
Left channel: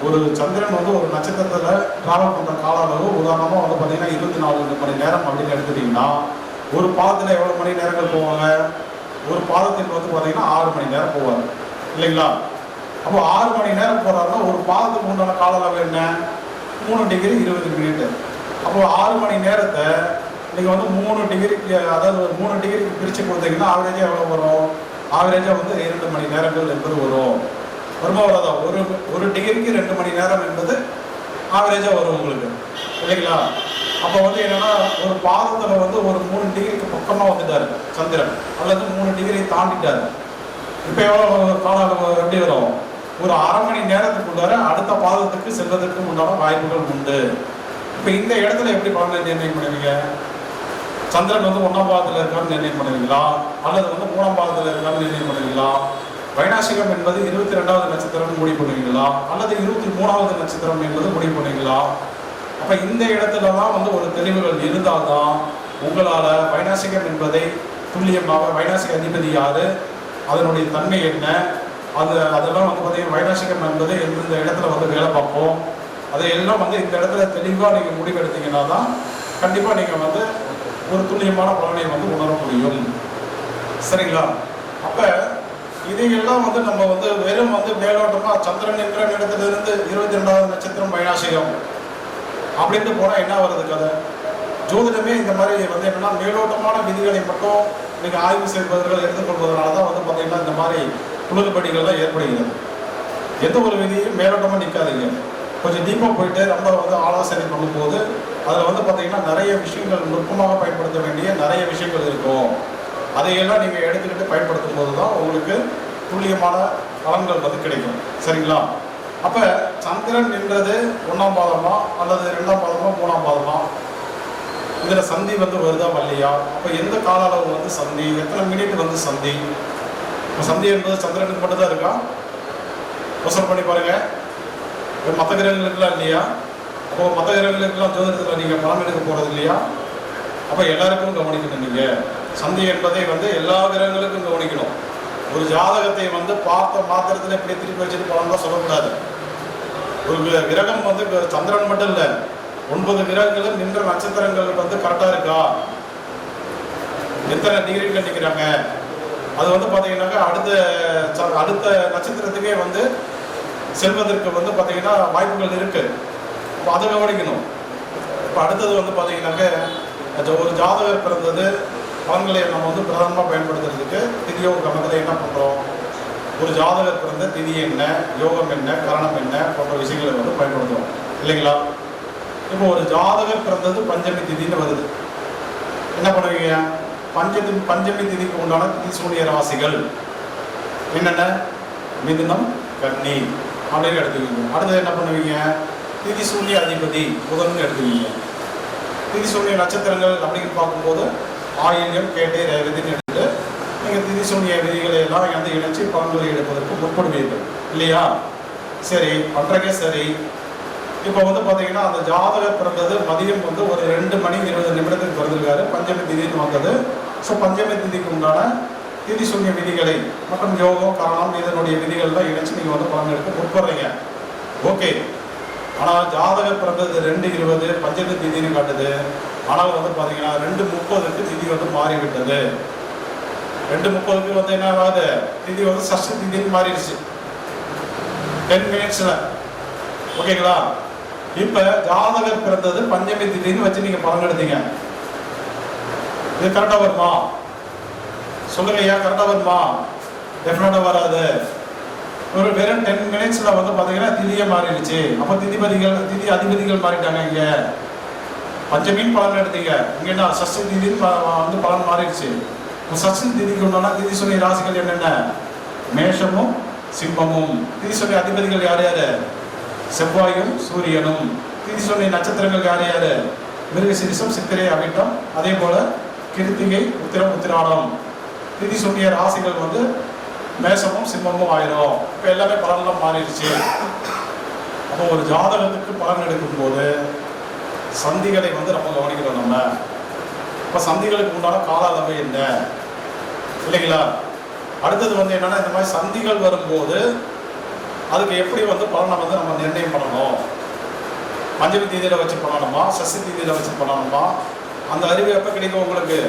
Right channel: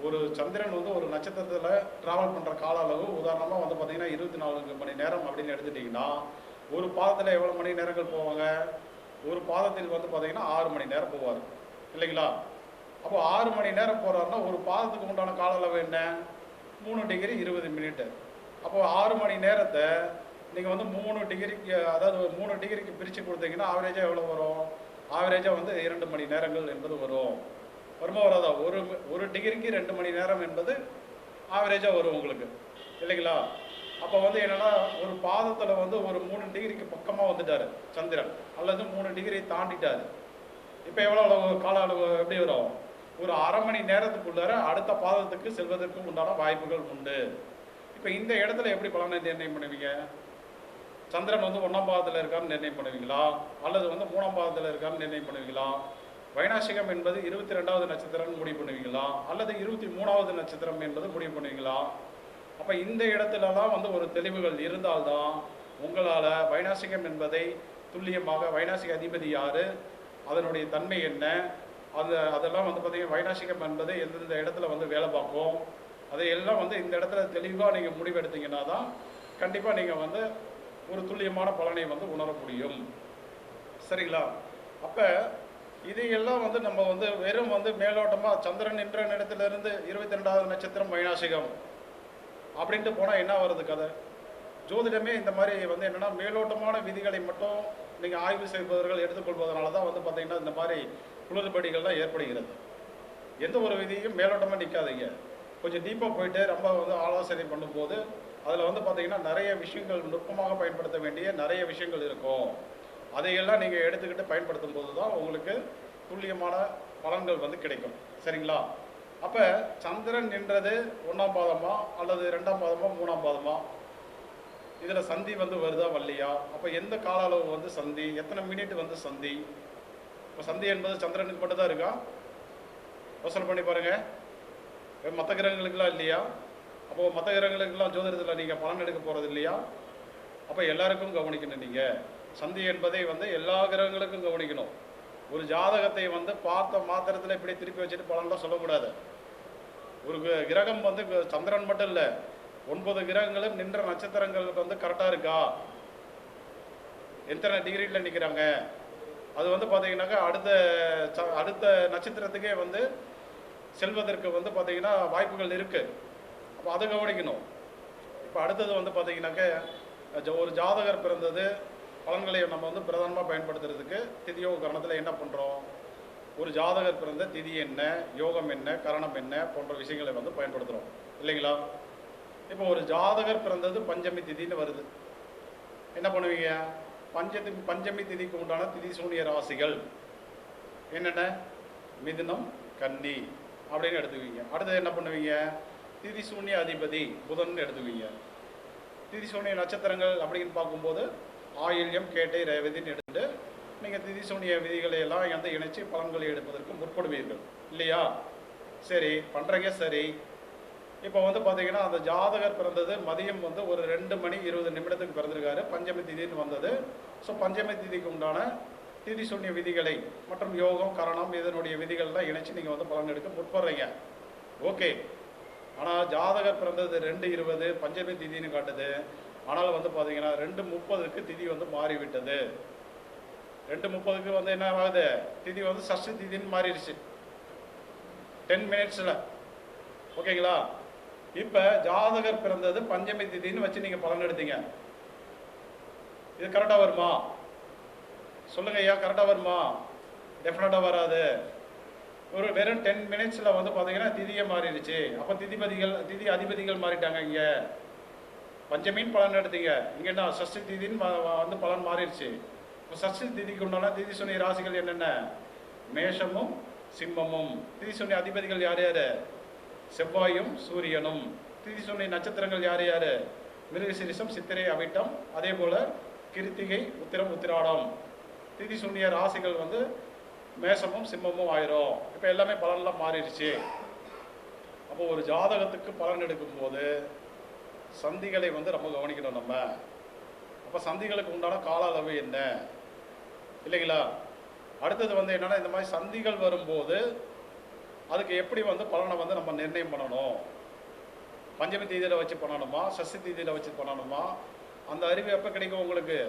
ஒரு சந்திரன் வந்து ஒரு நட்சத்திரத்தில் டிராவல் பண்ணுற கால அளவு உதாரணமாக வந்து பார்த்தீங்கன்னா 24 மணி நேரம் அப்படின்னு எடுத்துட்டிங்கன்னா ஒரு பாதத்தில் எவ்வளோ மணி நேரங்கள் போவாங்க? ஒரு பாதத்தில் வந்து பார்த்தீங்கன்னா 6 மணி நேரம் போவார் இல்லைங்களா? அப்போ 6 மணி நேரம் போகிறாருன்னா ஒரு பாதத்துக்கு உண்டான கால அளவு என்ன? 3 டிகிரி 20 மினிட். அப்போ 6 மணி நேரத்தை நீங்கள் வந்து 3 டிகிரிக்கு, அதாவது 3 டிகிரிக்கு பிரித்து கொடுத்தீங்கன்னா ஆவரேஜாக எவ்வளோ வரும்? ஆவரேஜாக வந்து 2 மணி நேரங்கள் என்பது வரும். வருமா வராதா? ஒரு டிகிரிக்கு 2 மணி நேரம் என்பது ஆவரேஜாக வரும் உங்களுக்கு இல்லைங்களா? அப்போ வந்து என்னன்னா ஒரு பாதத்தில் வந்து ஒரு 3 டிகிரிக்கு பக்கமாக வந்துட்டார் சந்திரன், அல்லது 3 டிகிரி தாண்டிட்டார். இப்போ எவ்வளோ கால அளவு எப்படி வரும்? ஒரு அரை மணி நேரத்துக்குள்ளார அடுத்த பாதத்துக்கு செல்வதற்கு உண்டான வாய்ப்புகள் உண்டு. இப்போ இந்த இடத்துல எப்படி பலனை நிர்ணயம் பண்ணுவீங்க? சந்திரன் வந்து 1ஆம் பாதத்தில் இருக்கான்னு நிர்ணயம் பண்ணுவீங்களா அல்லது வந்து 3ஆம் பாதத்தில் இருக்கான்னு நிர்ணயம் பண்ணுவீங்களா? வைநாசிகம் என்பது 22வது நட்சத்திரம் முடிவு பண்ணுவீங்களா அல்லது 23வது நட்சத்திரம் என்பது முடிவு பண்ணுவீங்களா? அப்போ இந்த இடத்துல தான் வந்து ஒரு தெளிவுகள் இருந்தால்தான் உங்களால் வைநாசிகம் என்பதை துல்லியமாக, வைநாசிக அதிபதி யாரு, அதனுடைய தன்மை என்ன, அதெல்லாம் வந்து பார்த்தீங்கன்னா வைநாசிகம் என்பது எந்தெந்த இடத்துல வந்து வேலை பார்ப்போம், அதையெல்லாம் வந்து இந்த இடத்துல தெளிவாக நீங்கள் முடிவெடுத்தீங்கன்னா தான் கண்டிப்பாக நீங்கள் வந்து ஒரு துல்லியமான பலனை வந்து உணர முடியும். சரிங்களா? அப்போ இதையெல்லாம் வந்து நம்ம வந்து வெறும் வந்து மேலோட்டமாக சந்திரன் என்ற இடத்திலிருந்து 22வது நட்சத்திரம் வைநாசிகம் அப்படின்ட்டு போனால் என்ன வருது கதை? ஜோதிடமே இந்த மாதிரி வந்து என்னன்னா மேலோட்டமான விதிகளை மட்டும் நீங்கள் ஆய்வு செய்வதர்கள் எடுத்துக்கொள்வதனால தான் வந்து பார்த்தீங்கன்னா இந்த மாதிரி குளறுபடிகள்லாம் ஏற்படுகிறது. எந்த ஒரு விதியும் மேலோட்டமாக நிற்காதீங்க. கொஞ்சம் டீப்பாக போயிட்டு ரொம்ப வந்து ஆலோசனை பண்ணும்போது அதில் வந்து பார்த்தீங்கன்னா நிறைய விஷயங்கள் நுட்பமாக பயன்படுத்த வேண்டிய நிறைய விஷயங்கள் இருக்கும். அதையெல்லாம் நீங்கள் எடுத்துக்கிட்டு பயன்படுத்தும் போது தான் உங்களுக்கு துல்லியமான பலன்கள் வந்து கிடைக்கும். சரிங்களா? அப்போ சந்திரன் என்றது 1ஆம் பாதமா அல்லது 2ஆம் பாதமா 3ஆம் பாதமா? இதில் சந்தி வந்து வருதா வரலையா? அப்போ எந்த கால அளவு வந்து சந்தி, எத்தனை மினிட் வந்து சந்தி? இப்போ சந்தி என்பது சந்திரனுக்கு மட்டும் தான் இருக்கா? யோசனை பண்ணி பாருங்க. மற்ற கிரகங்களுக்குலாம் இல்லையா? அப்போ மற்ற கிரகங்களுக்கெல்லாம் ஜோதிடத்தில் நீங்கள் பலன் எடுக்க போகிறது இல்லையா? அப்போ எல்லாருக்கும் கவனிக்கணும். நீங்கள் சந்தி என்பதை வந்து எல்லா கிரகங்களுக்கும் கவனிக்கணும். ஒரு ஜாதகத்தை வந்து பார்த்த மாத்திரத்தில் இப்படி திருப்பி வச்சுட்டு பலன் தான் சொல்லக்கூடாது. ஒரு கிரகம் வந்து சந்திரன் மட்டும் இல்லை, 9 கிரகங்களும் நின்ற நட்சத்திரங்கள் வந்து கரெக்டாக இருக்கா, எத்தனை டிகிரிகள் நிற்கிறாங்க, அது வந்து பார்த்தீங்கன்னாக்கா அடுத்த நட்சத்திரத்துக்கே வந்து செல்வதற்கு வந்து பார்த்தீங்கன்னா வாய்ப்புகள் இருக்கு. இப்போ அதை கவனிக்கணும். இப்போ அடுத்தது வந்து பார்த்தீங்கன்னாக்க ஒரு ஜாதகர் பிறந்தது பலன்களை நம்ம வந்து பிரதானமாக பயன்படுத்துறதுக்கு திதியோக கணத்தில் என்ன பண்ணுறோம்? ஒரு ஜாதகர் பிறந்த திதி என்ன, யோகம் என்ன, கரணம் என்ன போன்ற விஷயங்களை வந்து பயன்படுத்துகிறோம் இல்லைங்களா? இப்போ ஒரு ஜாதகர் பிறந்தது பஞ்சமி திதின்னு வருது. என்ன பண்ணுவீங்க? பஞ்சமி திதிக்கு உண்டான திதி சூனிய ராசிகள் என்னென்ன? மிதுனம், கன்னி அப்படின்னு எடுத்துக்குவீங்க. அடுத்தது என்ன பண்ணுவீங்க? திதி சூன்ய அதிபதி புதன் எடுத்துக்குவீங்க. திதி சூன்ய நட்சத்திரங்கள் அப்படின்னு பார்க்கும்போது ஆயில்யம், கேட்டை, ரேவதின்னு எடுத்துட்டு நீங்கள் திதி சூன்ய விதிகளை எல்லாம் வந்து இணைச்சி பலன்களை எடுப்பதற்கு முற்படுவீர்கள் இல்லையா? சரி பண்றீங்க. சரி, இப்போ வந்து பார்த்தீங்கன்னா அந்த ஜாதகர் பிறந்தது மதியம் வந்து ஒரு 2:20 பிறந்திருக்காரு. பஞ்சமி திதின்னு வந்தது. ஸோ பஞ்சமி திதிக்கு உண்டான திதி சூன்ய விதிகளை மற்றும் யோகம் காரணம் இதனுடைய விதிகள்லாம் இணைச்சு நீங்கள் வந்து பலன் எடுக்க முற்படுறீங்க. ஓகே. ஆனால் ஜாதகர் பிறந்தது 2:20 பஞ்சமி திதின்னு காட்டுது. ஆனால் வந்து பார்த்தீங்கன்னா 2:30 திதி வந்து மாறிவிட்டது. 2:30 வந்து என்ன ஆகுது, திதி வந்து சஷ்டி திதின்னு மாறிடுச்சு 10 மினிட்ஸில். ஓகேங்களா? இப்ப ஜாதகர் பிறந்தது பஞ்சமி திதின்னு வச்சு நீங்க பலன் எடுத்தீங்க. இது கரெக்டா வருமா? சொல்லுங்க ஐயா, கரெக்டா வருமா? டெஃபினட்டா வராது. ஒரு வெறும் 10 மினிட்ஸ்ல வந்து பாத்தீங்கன்னா திதியே மாறிடுச்சு. அப்ப திதி அதிபதிகள் மாறிட்டாங்க. இங்க பஞ்சமின்னு பலன் எடுத்தீங்க, இங்க என்ன சஷ்டி திதின்னு வந்து பலன் மாறிடுச்சு. சஷ்டி திதிக்கு உண்டான திதி சொல்லி ராசிகள் என்னென்ன? மேஷமும் சிம்மமும். திதி சொல்லி அதிபதிகள் யார் யாரு? செவ்வாயும் சூரியனும். திதி சொன்ன நட்சத்திரங்கள் யார் யாரு? மிருகசீரிஷம், சித்திரை, அவிட்டம். அதே போல கிருத்திகை, உத்திரம், உத்திராடம். திதி சொன்னிய ராசிகள் வந்து மேஷமும் சிம்மமும் ஆயிரும். இப்போ எல்லாமே பலன்லாம் மாறிடுச்சு. அப்போ ஒரு ஜாதகத்துக்கு பலன் எடுக்கும் போது சந்திகளை வந்து நம்ம கவனிக்கிறோம். நம்ம இப்போ சந்திகளுக்கு உண்டான கால அளவு என்ன இல்லைங்களா? அடுத்தது வந்து என்னன்னா, இந்த மாதிரி சந்திகள் வரும்போது அதுக்கு எப்படி வந்து பலனை வந்து நம்ம நிர்ணயம் பண்ணணும்? பஞ்சமி தீதியில வச்சு பண்ணணுமா, சஷ்டி தீதியில வச்சு பண்ணணுமா? அந்த அறிவு எப்போ கிடைக்கும் உங்களுக்கு?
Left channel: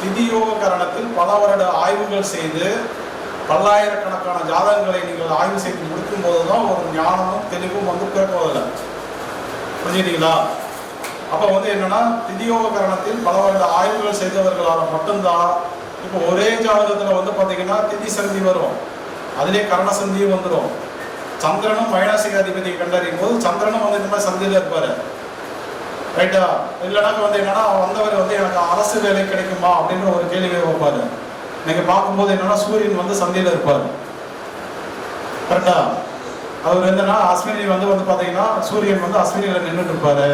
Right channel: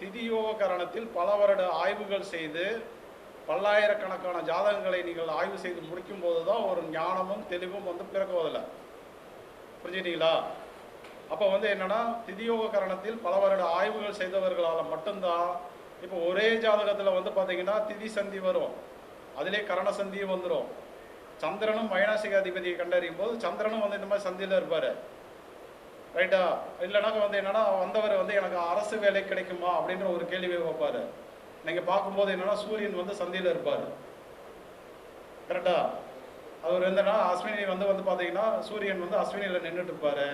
திதியோக காரணத்தில் பல வருட ஆய்வுகள் செய்து பல்லாயிரக்கணக்கான ஜாதகங்களை நீங்கள் ஆய்வு செய்து முடிக்கும் போதுதான் ஒரு ஞானமும் தெளிவும் வந்து பிறக்குவதில்லை. புரிஞ்சுக்கிட்டீங்களா? அப்போ வந்து என்னன்னா, திதியோக காரணத்தில் பல வருட ஆய்வுகள் செய்தவர்களால் மட்டும்தான் இப்போ ஒரே ஜாதகத்தில் வந்து பார்த்தீங்கன்னா திதி சந்தி வரும், அதிலே கரண சந்தியும் வந்துடும். சந்திரனும் மைனாசிக அதிபதியை கண்டறியும் போது சந்திரனும் வந்து இந்த மாதிரி சந்தியில் இருப்பாரு. ரைட்டா? இல்லைனா வந்து என்னன்னா, வந்தவர் வந்து எனக்கு அரசு வேலை கிடைக்குமா அப்படின்ற ஒரு கேள்வியை வைப்பாரு. நீங்க பார்க்கும்போது என்னன்னா, சூரியன் வந்து சந்தியில இருப்பாரு. கரெக்டா? அவர் என்னன்னா அஸ்வினி வந்து பார்த்தீங்கன்னா சூரியன் வந்து அஸ்வினியில நின்றுட்டு இருப்பாரு.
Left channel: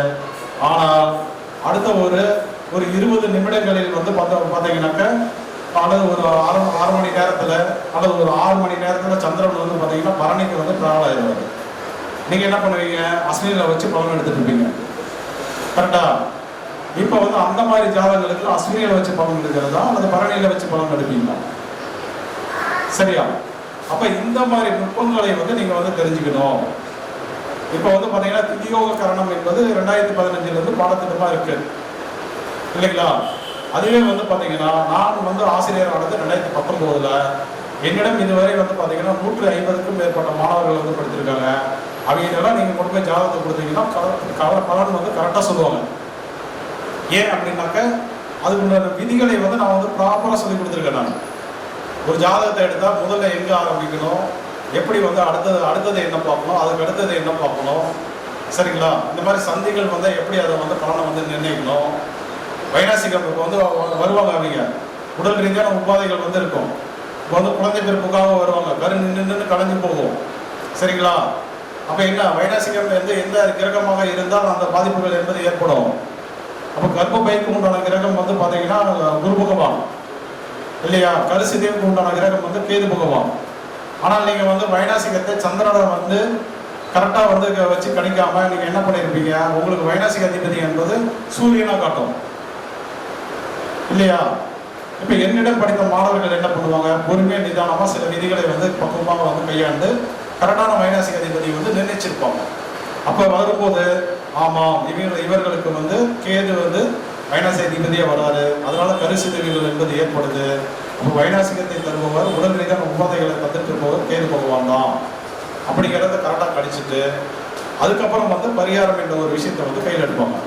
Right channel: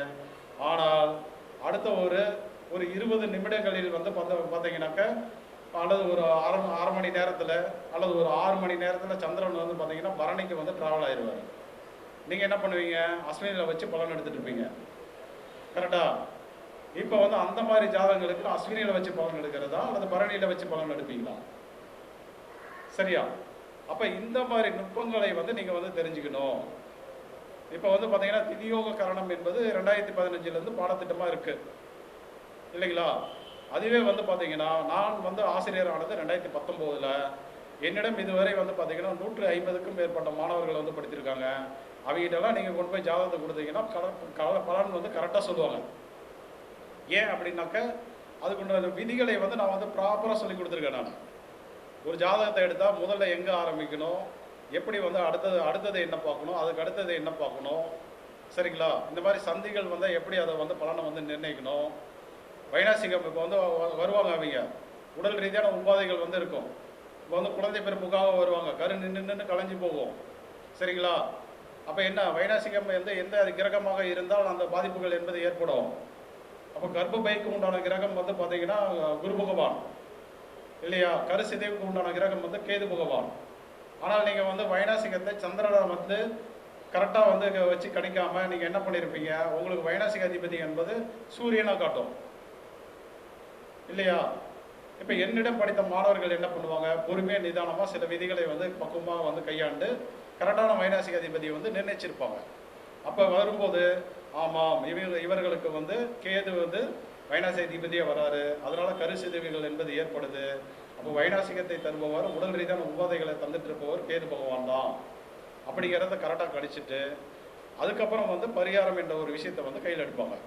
ஆனால் அடுத்த ஒரு 20 நிமிடங்களில் வந்து பார்த்தீங்கன்னாக்க, அல்லது ஒரு 6 மணி நேரத்தில் அல்லது ஒரு 6 மணி நேரத்தில் சந்திரன் வந்து பார்த்தீங்கன்னா பரணிக்கு வந்து டிராவல் ஆயிடுவார். நீங்கள் என்ன பண்ணுவீங்க? அஸ்வினியில் வச்சு பலன் எடுத்துட்டு இருப்பீங்க. கரெக்டா? இப்போ வந்து அந்த மாதிரி ஜாதகங்களுக்கு அஸ்வினியில் வச்சு பலன் எடுக்கிறதா அல்லது பரணியில் வச்சு பலன் எடுப்பீங்களா? சரியா? அப்போ இந்த மாதிரி நுட்பங்களை வந்து நீங்கள் வந்து தெரிஞ்சுக்கணும். இப்போ வந்து பார்த்தீங்கன்னா திதியோக கரணம் என்பது 2015 பாடத்திட்டமாக இருக்கு இல்லைங்களா? அதுவே வந்து பார்த்தீங்கன்னா நான் வந்து ஆசிரியர் நடந்து 2019 என்னிடம் இதுவரை வந்து பார்த்தீங்கன்னா 150க்கும் மேற்பட்ட மாணவர்கள் வந்து படிச்சிருக்காங்க. அவங்களெல்லாம் நீங்கள் கொண்டு போய் ஜாதகத்தை கொடுத்தீங்கன்னா பலன் வந்து கரெக்டாக சொல்லுவாங்க. ஏன் அப்படின்னாக்க அதுக்குள்ள விதிகளை வந்து நான் வந்து ப்ராப்பராக சொல்லி கொடுத்துருக்கேன். நான் ஒரு ஜாதகத்தை எடுத்தால் முதல்ல எங்கே ஆரம்பிக்கணும், எப்படி வந்து அடுத்தது என்ன பார்க்கணும், அதுக்கு அடுத்தது என்ன பார்க்கணும், சரிங்களா? இந்த மாதிரி சந்திகள் வந்து எப்படி அதை வந்து பலனை வந்து நிர்ணயிக்கணும். வைனாசிகம் இப்போ வந்து வருவாங்க, அவங்க உடல் ரீதியான உபாதைகள் வந்து இருக்கும். இப்போ வந்து குழந்தை பிறப்புக்காக வருவாங்க, கரு நின்று கலைஞ்சு போகும். சரிங்களா? அப்போ என்ன, வைனாசிகம் வந்து எந்த கிரகமாக இருந்தால் அந்த பாதிப்புகள் என்பது ஏற்படும். அப்போ கர்ப்பப்பைக்கு உண்டான கிரகம் வந்து பார்த்தீங்கன்னா குரு பகவான் இல்லையா? கருசிதைவுக்கு உண்டான கிரகம் வந்து கேது பகவான். ஆனால் நீங்கள் வந்து வைனாசிகத்தை சந்திரனை வந்து கரெக்டாக வந்து வச்சு கணிக்காமல் நீங்கள் என்ன பண்ணியிருப்பீங்க? உங்களுக்கு வைனாசிக அதிபதி என்பது சூரியனாக காட்டும் இல்லையா? இப்போ என்னிடம் படித்த மாணவர்கள் என்ன பண்ணுவாங்க? பொறுமையாக நிதானமாக சில விதிகளை வந்து பக்குவமாக வந்து கையாண்டு கரெக்டான வைனாசிக அதிபதி வந்து நிர்ணயிச்சிருப்பாங்க. அப்போ வரும்போது ஆமாம், இவர்களுக்கு வந்து கேது வந்து வைனாசிக அதிபதியாக வராரு, அதனால கருசிதைவுகள் என்பது ஏற்படுது. அப்போ வைனாசிகத்தை தருபவர் உடல் ரீதியான உபாதைகளை தந்துட்டு இருப்பவர் கேது பகவான் தான் அப்படிங்கிறத கரெக்டாக கணிச்சிட்டு அதுக்கப்புறம் வந்து பரிகாரம் என்ற ஒரு விஷயத்தை வந்து கையில் எடுப்பாங்க.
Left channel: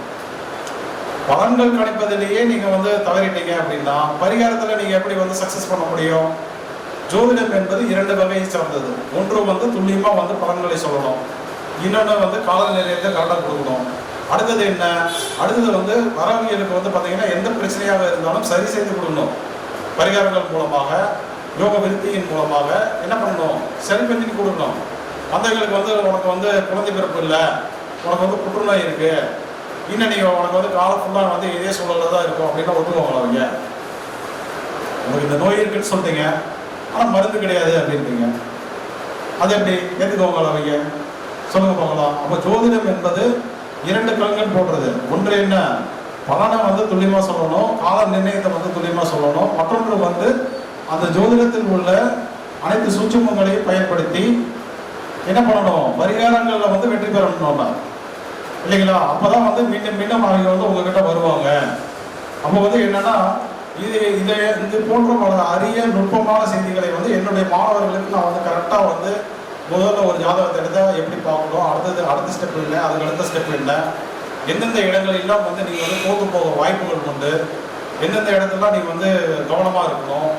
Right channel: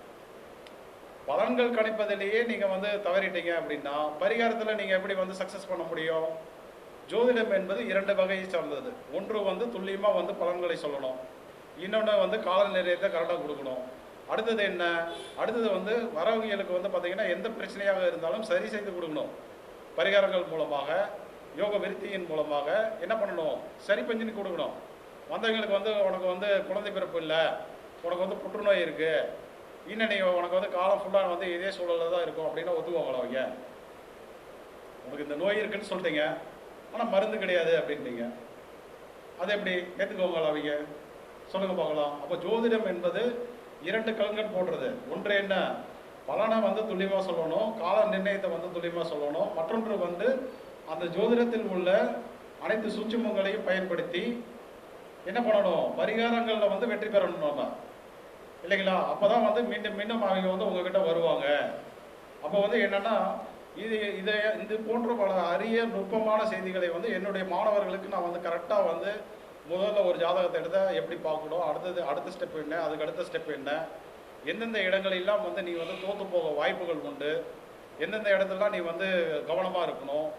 பலன்கள் கணிப்பதிலேயே நீங்கள் வந்து தவறிட்டீங்க அப்படின்னா பரிகாரத்தில் நீங்கள் எப்படி வந்து சக்ஸஸ் பண்ண முடியும்? ஜோதிடம் என்பது 2 வகையை சார்ந்தது. ஒன்று வந்து துல்லியமாக வந்து பலன்களை சொல்லணும், இன்னொன்று வந்து காலநிலையத்தை கரெக்டாக கொடுக்கணும். அடுத்தது என்ன? அடுத்தது வந்து வரவியலுக்கு வந்து பார்த்தீங்கன்னா எந்த பிரச்சனையாக இருந்தாலும் சரி செய்து கொடுக்கணும். பரிகாரங்கள் மூலமாக, யோக விருத்தியின் மூலமாக என்ன பண்ணணும்? சரி பண்ணி கொடுக்கணும். மற்றவங்களுக்கு வந்து உனக்கு வந்து குழந்தை பிறப்பு இல்லை, உனக்கு வந்து புற்றுநோய் இருக்கு, இன்னும் நீங்கள் உனக்கு வந்து காலம் ஃபுல்லாக வந்து இதே சூழலில் தான் இருக்கும் அப்படின்னா ஒத்துக்குவாங்களா? அவங்க உங்களுக்கு இந்த நோய் இருக்குன்னு சொல்லிட்டீங்க, ஆனால் மருந்து கிடையாது அப்படின்றீங்க, அது எப்படி ஏற்றுக்குவாங்களா? அவங்க சொல்லுங்க பார்க்கலாம். அப்ப ஜோதிடம் என்பது 2 கண்கள் போடுறது. ஒன்று என்ன, பலனை வந்து துல்லியமா சொல்லணும், கால நிர்ணயத்தை வந்து துல்லியமா சொல்லணும். மற்றொன்று வந்து அந்த ஜோதிடத்தில் உள்ள அனைத்து சூட்சுமங்களையும் பயன்படுத்தி என்ன பண்ணணும், பரிகாரங்கள்ல வந்து வெற்றி பெறணும் இல்லைங்களா? அப்பதான் வந்து மீண்டும் மீண்டும் அவங்க வந்து உங்ககிட்ட வருவாங்க. அப்போ வந்து என்னன்னா இது போன்ற பல அரிய நுட்பமான செய்திகளை வந்து என்னுடைய மாணவர்களுக்கு நான் வந்து கரெக்டா வந்து முதல்ல ஒரு ஜாதகத்தை எடுத்தா எப்படி பார்க்கணும், அடுத்த ஸ்டெப் என்ன, அதுக்கு அடுத்த ஸ்டெப் என்ன, எந்தெந்த இடங்களெல்லாம் வந்து நீங்கள் வந்து தோற்று போக வாய்ப்புகள் உண்டு, எந்தெந்த இடத்துலாம் நீங்கள் வந்து கவனமாக இருக்கணும்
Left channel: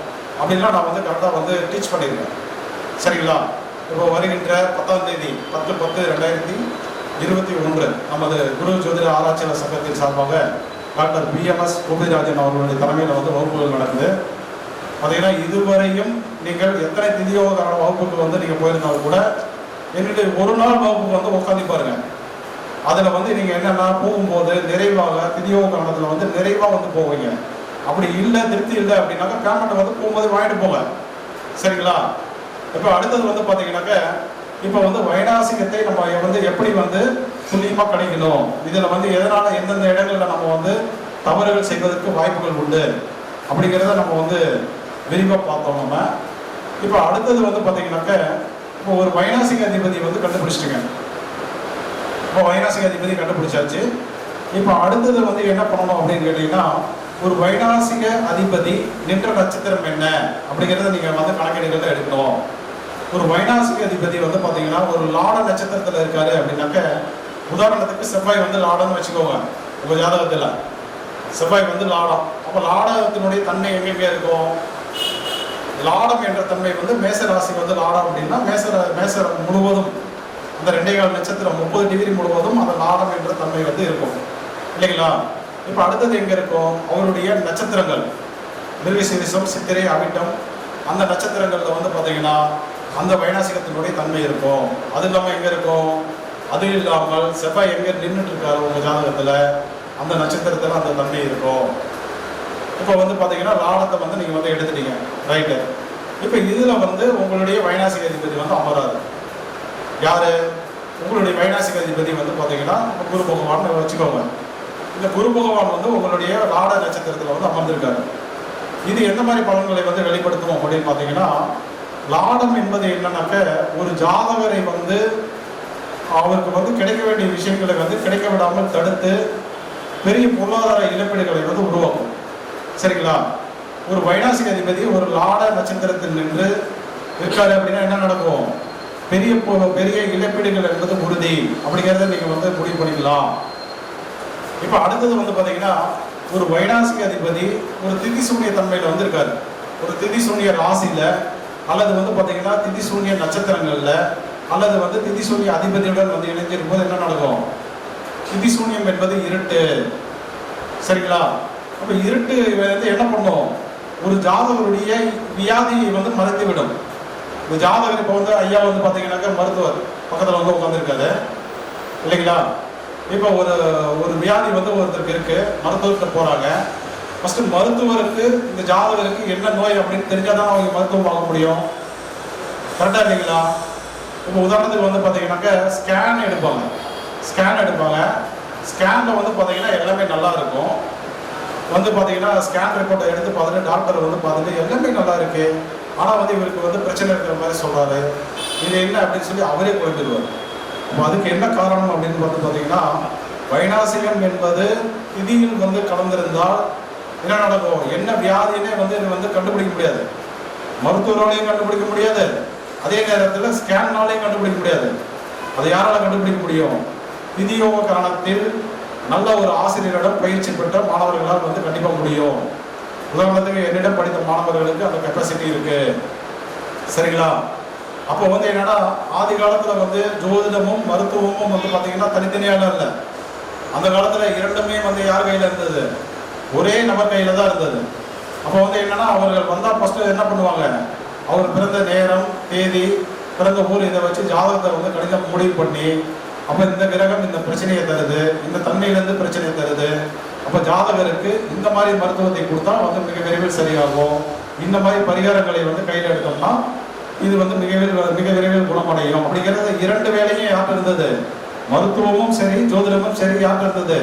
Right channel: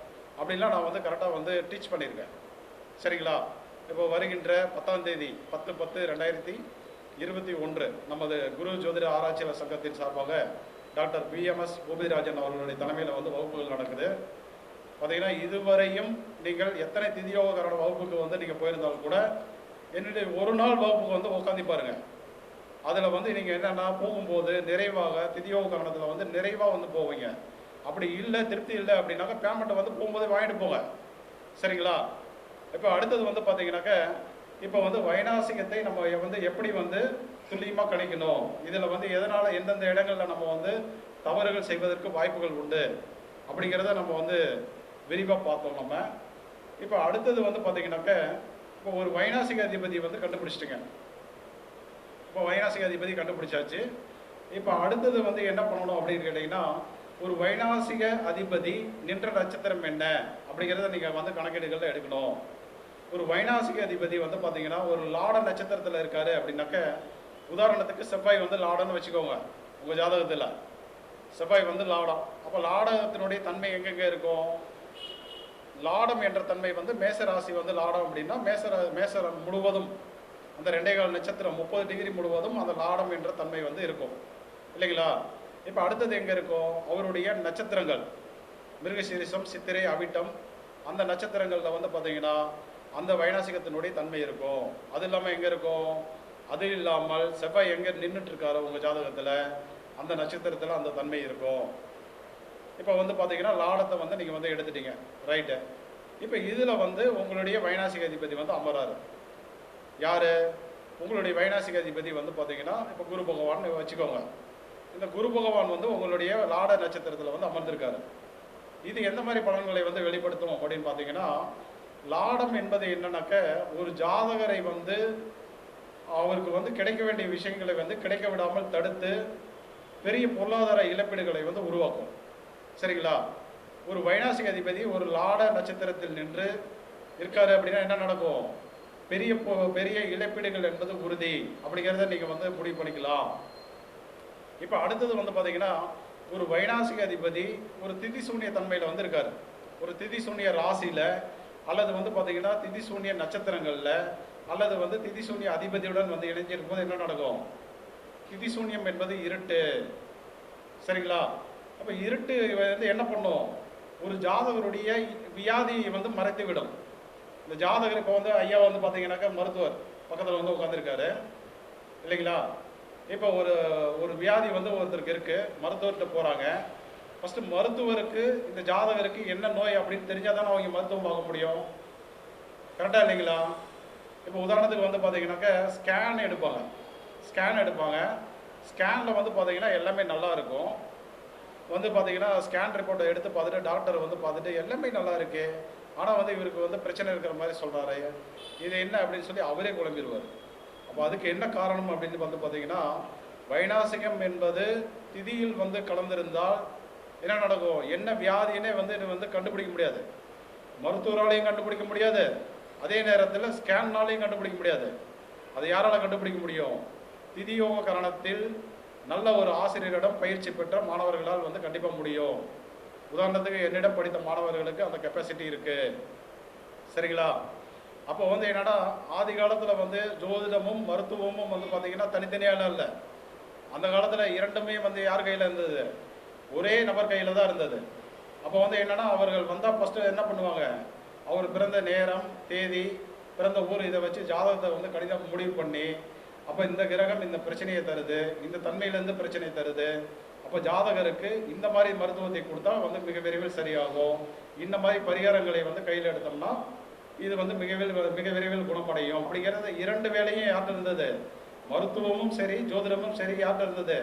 அப்படின்லாம் நான் வந்து கரெக்டாக வந்து டீச் பண்ணியிருக்கேன். சரிங்களா? இப்போ வருகின்ற 10ஆம் தேதி 10/10/2021 நமது குரு ஜோதிட ஆராய்ச்சியாளர் சங்கத்தின் சார்பாக டாக்டர் BMS கோபிராஜன் அவர்களுடைய தலைமையில் வந்து வகுப்புகள் நடக்குது. பார்த்தீங்கன்னா இதுவரையும் நீங்கள் எத்தனை திதியோகக்கான வகுப்புக்கு வந்து நீங்கள் போயிருந்தாலும் கூட என்னுடைய ஒரு நாள் வகுப்புக்கு வந்து உட்காந்து பாருங்க. அதில் வந்து நீங்கள் என்னென்னா போகும்போது நிறைவாக திதியோகக்கானத்தில் வந்து நிறைவாக வந்து போவீங்க. அப்படி இல்லை திருப்தி இல்லை அப்படின்னாக்கா பேமெண்ட்டை வந்து போகும்போது வாங்கிட்டு போங்க. சரிங்களா? இப்போ அடுத்தது வந்து பார்த்தீங்கன்னாக்க இப்போ வந்து வைநாசிகத்தை நம்ம வந்து எப்படி வந்து துல்லியமாக கிடைக்கணும், இதில் வந்து எதனால் எந்தெந்த இடங்களில் நம்ம வந்து தவறுகள் செய்வதற்கு வாய்ப்புகள் உண்டு அப்படிங்கிறத நம்ம வந்து விரிவாக பார்த்தோம். நம்ம இப்போ அடுத்தது வந்து பார்த்தீங்கன்னாக்க இப்போ ஒரு வைநாசிக அதிபதி வந்து கண்டுபிடிச்சிட்டுங்க. இப்போ வைநாசிக அதிபதி கண்டுபிடிச்சாச்சு. இப்போ அடுத்தது வந்து என்ன பண்ணணும் அப்படின்னு கேட்டீங்கன்னா, ஒரு வைநாசிக அதிபதி நின்ற நட்சத்திரம் என்ன அப்படிங்கிறத நீங்கள் வந்து கணக்கெடுக்கிறத எடுக்கணும். ஒரு வைநாசிக அதிபதி வந்து பார்த்தீங்கன்னா ஒரு லாட நட்சத்திரத்தில் இருக்காரு அப்படின்னாக்க, உதாரணத்துக்கு செவ்வாய் வந்து லாடன்னு வச்சுக்கோங்க. உங்கள் ஜாதகத்தில் செவ்வாய் வந்து லாடம். அப்போ லாடகத்தினுடைய தன்மை எங்கெங்க இருக்கும், லாடம் என்ற தன்மை வந்து மேச ராசி வந்து லாடம் அப்படின்னா மேச முழுவதும் அந்த 2.25 நட்சத்திரம் 30 டிகிரி முழுவதும் அந்த லாடம் என்ற தன்மை வந்து இருக்கும் இல்லைங்களா? இப்போ அடுத்தது எங்க இருக்கும், அவருடைய நட்சத்திரங்கள் மிருகசீரிஷம், சித்திரை, அவிட்டம் அந்த நட்சத்திரங்கள்ல வந்து பார்த்தீங்கன்னா அந்த வைநாசிகத்தினுடைய தன்மை இருக்கும். அது இல்லாமல் எங்க இருக்கும், அது இல்லாமல் செவ்வாய் எங்க நின்றுட்டு இருக்காரு உங்க ஜாதகத்துல அந்த நட்சத்திரத்துல அந்த தன்மை இருக்கும். இப்போ வந்து பார்த்தீங்கன்னா லாடத்தை வந்து நீங்கள் வந்து எடுத்துட்டீங்க, ரைட்டு. இப்போ இதில் வந்து உங்களுடைய வைநாசிக அதிபதி வந்து அமராது. யார், உங்களுடைய வைநாசிக அதிபதி வந்து பார்த்தீங்கன்னா குரு பகவான் வச்சுக்கோங்க. இந்த குரு பகவான் வந்து உங்களுடைய லாட நட்சத்திரத்தில் வந்து அமர்ந்திருக்காரு. இது எந்த மாதிரி பலன்களை வந்து வெளிப்படுத்தணும் அப்படின்னு பார்த்தீங்கன்னா, லாடம் என்பது என்னன்னாக்க ஒரு ஜாதகரை வந்து அவருக்கு வந்து கிடைக்க வேண்டிய விஷயங்களை வந்து கிடைக்க விடாமல் தடுத்து பெரிய பொருளாதார இழப்பீடுகளை வந்து உருவாக்கும். சரிங்களா? ஒரு வைநாசிக அதிபதி ஒரு லாட நட்சத்திரத்தில் நின்று இருக்காரு அப்படின்னா என்ன நடக்கும், பெரிய இழப்பீடுகள் என்பது உறுதி அப்படிங்கிறத நீங்க வந்து முடிவு பண்ணிக்கலாம். இப்போ அடுத்தது வந்து பார்த்தீங்கன்னா, ஒரு வைநாசிக அதிபதி ஒரு திதி சூன்ய தன்மையில் வந்து இருக்காரு. ஒரு திதி சூன்ய ராசியில அல்லது வந்து பார்த்தீங்கன்னா திதி சூன்ய நட்சத்திரங்கள்ல அல்லது வந்து திதி சூன்ய அதிபதியுடன் வந்து இணைஞ்சிருக்கும் போது என்ன நடக்கும், திதி சூன்யம் என்பது இருட்டு. சரிங்களா? அப்போ இருட்டு வந்து என்ன பண்ணும், ஒரு ஜாதகருடைய வியாதியை வந்து மறைத்து விடும். இந்த ஜாதகர் இப்போ வந்து ஐயா வந்து பார்த்தீங்கன்னாக்கா மருத்துவர் பக்கத்தில் வந்து உட்காந்துருக்காரு இல்லைங்களா? இப்போ ஒரு வியாதி வந்து ஒருத்தருக்கு இருக்கு, மருத்துவர்கிட்ட போறாங்க. ஃபர்ஸ்ட் மருத்துவருக்கு இந்த ஜாதகருக்கு என்ன நோய் அப்படின்னு தெரிஞ்சாதான் அவங்க மருத்துவம் பார்க்க முடியும். கரெக்டா இல்லைங்களா? இப்போ உதாரணத்துக்கு வந்து பார்த்தீங்கன்னாக்கா ஸ்கேன் எடுப்பாங்க. ஸ்கேனில் வந்து பார்த்தீங்கன்னா எல்லாமே நல்லா இருக்கும். வந்து பார்த்தீங்கன்னா ஸ்கேன் ரிப்போர்ட்டை எடுத்து பார்த்துட்டு டாக்டர் வந்து பார்த்துட்டு எல்லாமே நல்லா இருக்கு, ஆனால் வந்து இவருக்கு வந்து பிரச்சனை இருக்கிற மாதிரி சொல்றாரு, இது என்ன அப்படின்னு சொல்லி அவரே குழம்பிடுவார். அப்போ அதுக்கு என்ன காரணம் அப்படின்னு பார்த்தீங்கன்னா, வைநாசிகம் என்பது திதியில் வந்து கலந்திருந்தால் என்ன நடக்கும், என்ன வியாதினே வந்து கண்டுபிடிக்க முடியாது, மருத்துவராலையும் கண்டுபிடிக்க முடியாது, அதே நேரத்தில் ஸ்கேன்னாலையும் கண்டுபிடிக்க முடியாது. அதை யாரால கண்டுபிடிக்க முடியும், திதியோக காரணத்தில் நல்ல ஒரு ஆசிரியரிடம் பயிற்சி பெற்ற மாணவர்களால் வந்து கண்டிப்பாக முடியும். உதாரணத்துக்கு என்னிடம் படித்த மாணவர்களுக்கு அந்த கெப்பாசிட்டி இருக்கு. சரிங்களா? அப்போ வந்து என்னன்னா, ஆதி காலத்துல வந்து ஜோதிடமும் மருத்துவமும் வந்து பார்த்தீங்கன்னா தனித்தனியான இல்லை. அந்த காலத்துல இரண்டுமே வந்து யார் கையில இருந்தது, ஒரே நபர் கையில தான் இருந்தது. அப்போ வந்து என்னன்னா, அவர்கள் வந்தா ஃபர்ஸ்ட் என்ன பண்ணுவாங்க, அவர் பிறந்த நேரம், தேதி, பிறந்த ஊர் இதை வச்சு ஜாதகத்தை வந்து கணிதம் முடிவு பண்ணி, அப்போ இந்த கிரகம் இந்த பிரச்சனையை தருது, இந்த தன்மையிலேருந்து பிரச்சனையை தருது, அப்போ ஜாதகருக்கு இந்த மாதிரி மருத்துவத்தை கொடுத்தா வந்து மிக விரைவில் சரியாகும், இந்த மாதிரி பரிகாரங்களை வந்து கையில் எடுத்தோம்னா இது வந்து மிக விரைவில் குணமடையும் அப்படிங்கிறது இரண்டு வேலையும் யார்கிட்ட இருந்தது? மருத்துவமும் சரி ஜோதிடமும் சரி யார்கிட்ட இருந்தது?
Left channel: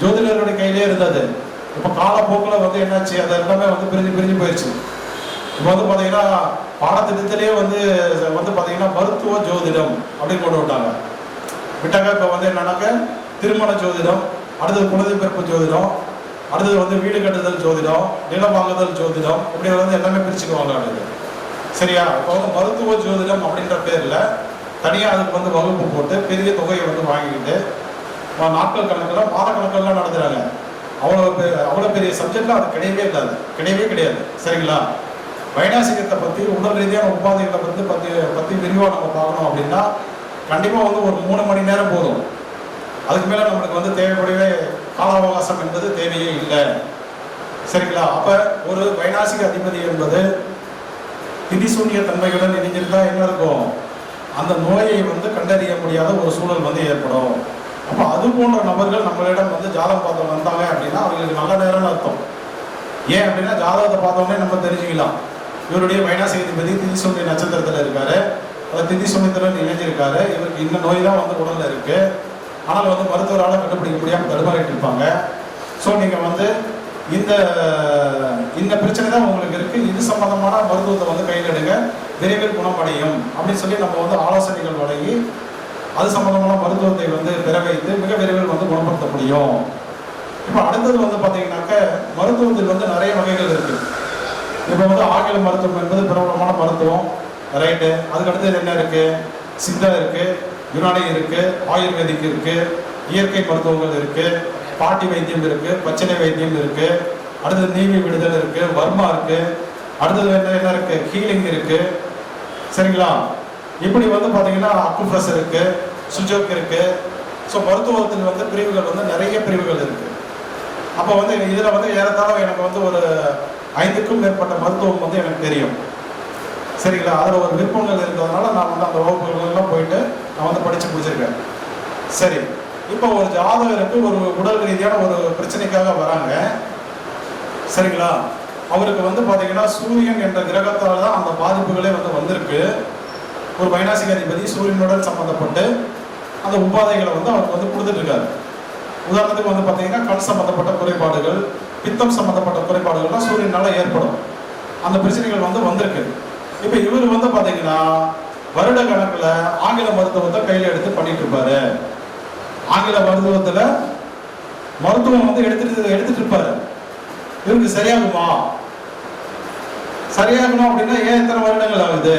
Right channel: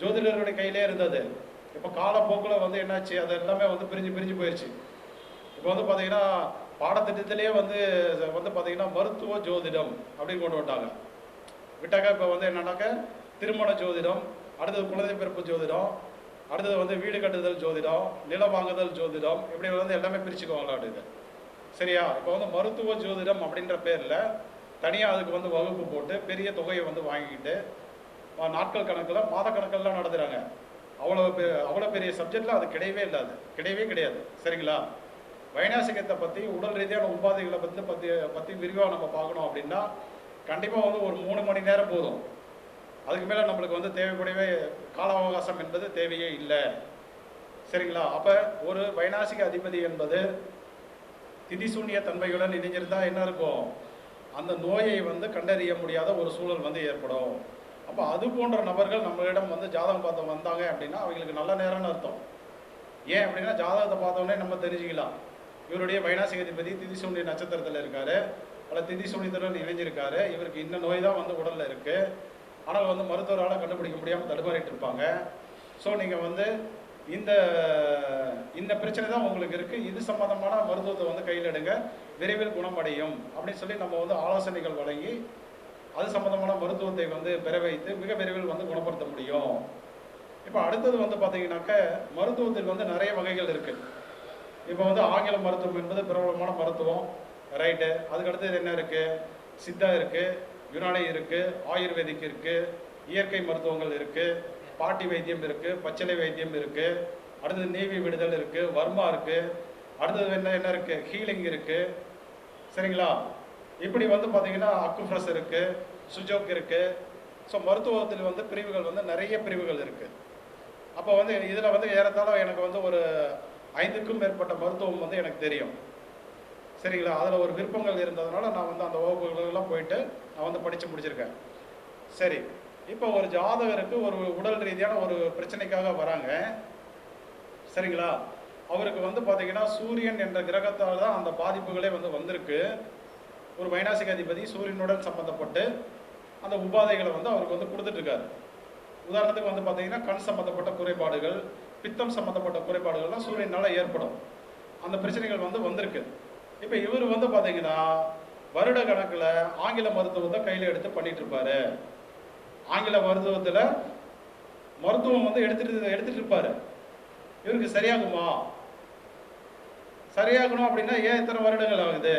ஜோதிடருடைய கையிலே இருந்தது. இப்போ காலப்போக்கில் வந்து என்னாச்சு, அது எல்லாமே வந்து பிரிஞ்சு போயிடுச்சு. இப்போ வந்து பார்த்தீங்கன்னா பாடத்திட்டத்திலேயே வந்து பார்த்தீங்கன்னா மருத்துவ ஜோதிடம் அப்படின்னு கொண்டு விட்டாங்க. இப்போ வந்து என்னன்னாக்க திருமண ஜோதிடம், அடுத்தது குழந்தை பிறப்பு ஜோதிடம், அடுத்தது வந்து வீடு கட்டுதல் ஜோதிடம், நிலம் வாங்குதல் ஜோதிடம், இப்படி வந்து எல்லாமே பிரிச்சுக்குவாங்க அடுத்து. சரியா? இப்போ வந்து மருத்துவ ஜோதிடம் அப்படின்ற பேரில் தனியாக அதுக்கு வந்து வகுப்பு போட்டு பெரிய தொகையை வந்து வாங்கிக்கிட்டு நாட்கள் கணக்கில் மாத கணக்கெல்லாம் நடத்துகிறாங்க. அவ்வளோ பெரிய சப்ஜெக்ட்லாம் அது கிடையவே கிடையாது. சரிங்களா? வைநாசிகத்தை பற்றி உடல் ரீதியான உபாதைகளை பற்றி விரிவாக நம்ம பார்க்கணும் அப்படின்னா கண்டிப்பாக வந்து ஒரு 3 மணி நேரம் போதும். அதுக்கு மேலே நம்மளுக்கு வந்து தேவைப்படவே கால அவகாசம் என்பது தேவையே இல்லை. சரிங்களா? அப்போ ஒரு வைநாசிக அதிபதி என்பது திதிசூன்ய தன்மையுடன் இணைஞ்சிருந்தா என்ன இருக்கும்? அந்த நோயை வந்து கண்டறிய முடியாத ஒரு சூழல் வந்து ஏற்படும். அப்போ அது போன்ற நபர்கள் நம்மளிடம் வந்து ஜாதகம் பார்த்து வந்தாங்க அப்படின்னா அவங்களுக்கு நல்ல நேரம்னு அர்த்தம். ஏன் அப்படின்னா ஜாதகத்தை பார்த்தோன்னே நம்ம தெரிஞ்சுக்கலாம், இவருடைய வைநாசிக அதிபதி திதிசூன்ய நட்சத்திரத்தில் இருக்காரு, அதை திதிசூன்யத்துடன் இணைஞ்சிருக்காரு, இவருக்கு இந்த நோய் தான் வந்து உடல்ல இருக்கு, ஆனால் வந்து மருத்துவரால் கண்டுபிடிக்க முடியாமல் தடுமாறிட்டு இருப்பாங்க. ஸோ நீங்கள் வந்து இந்த பிரச்சனை தான் உங்களுக்கு இருக்கு, இது சம்பந்தமான மருத்துவத்தை வந்து கையில் எடுங்க, விரைவில் குணமடையும் அப்படின்னு சொல்லி நம்ம வந்து ஆலோசனைகள் வழங்கி அது சம்பந்தமான மருத்துவத்தை வந்து பெற வைத்து மிக விரைவில் வந்து குணப்படுத்த முடியும். இப்போ அடுத்தது வந்து பார்த்தீங்கன்னாக்க மருத்துவத்தில் வந்து நிறைய வகைகள் இருக்கு. இப்போ வந்து ஆங்கில மருத்துவம் என்பது பிரபலமான மருத்துவம், ரைட்டு. அதுக்கடுத்தது என்ன இருக்கு? சித்தா இருக்கு, யுனானி இருக்கு, ஆயுர்வேதிக் இருக்கு, இயற்கை மருத்துவங்கள் இருக்கு, பாட்டி வைத்தியம் இருக்கு, பச்சிலை வைத்தியம் இருக்கு, அடுத்தது நீவி விடுதல் இருக்கு, வர்மா இருக்கு, அடுத்தது என்ன இருக்கு? ஹீலிங் இருக்கு. சரிங்களா? இப்படி வந்து பார்த்தீங்கன்னா அக்குப்ரஸ் இருக்கு, சுஜோக் இருக்கு. ஸோ மருத்துவத்தில் வந்து பிரிவுகள் வந்து நிறைய பிரிவுகள் இருக்கு. அப்போ வந்து இதில் வந்து ஏறத்தாழ எனக்கு வந்து ஒரு 5க்கும் மேற்பட்ட மருத்துவம் வந்து எனக்கு தெரியும். சரிங்களா? அதில் ஒரு விருப்பங்கள் இருந்ததுனால நான் வந்து அந்த வகுப்புகள்லாம் போயிட்டு நான் வந்து படித்து முடிச்சிருக்கேன். சரி, இப்போ ஒரு ஜாதகருக்கு ஒரு உடல் ரீதியான ஒரு பிரச்சனைக்காக வராங்க. சரிங்களா? அவருக்கு வந்து பார்த்தீங்கன்னா சூரியன் என்ற கிரகத்தால் தான் அந்த பாதிப்புகளே வந்து வந்திருக்கு. ஒரு வைநாசிக அதிபதி சூரியனுடன் சம்பந்தப்பட்டு அந்த உபாதைகளை வந்து அவருக்கு வந்து கொடுத்துட்டு இருக்காரு. உதாரணத்துக்கு வந்து பார்த்தீங்கன்னா கண் சம்பந்தப்பட்ட குறைபாடுகள், பித்தம் சம்பந்தப்பட்ட குறைபாடுகள்லாம் சூரியனால ஏற்படும். அந்த பிரச்சனைகள் வந்து வந்திருக்கு. இப்போ இவர் வந்து பார்த்தீங்கன்னா வருட கணக்கில் ஆங்கில மருத்துவத்தை கையில் எடுத்து பண்ணிட்டு இருப்பாரு. ஆங்கில மருத்துவத்தில் மருத்துவம் வந்து எடுத்துட்டு இருப்பாரு. இவருக்கு சரியாகுமா? சரியாகணும் அப்படின்னா ஏன் இத்தனை வருடங்கள் ஆகுது?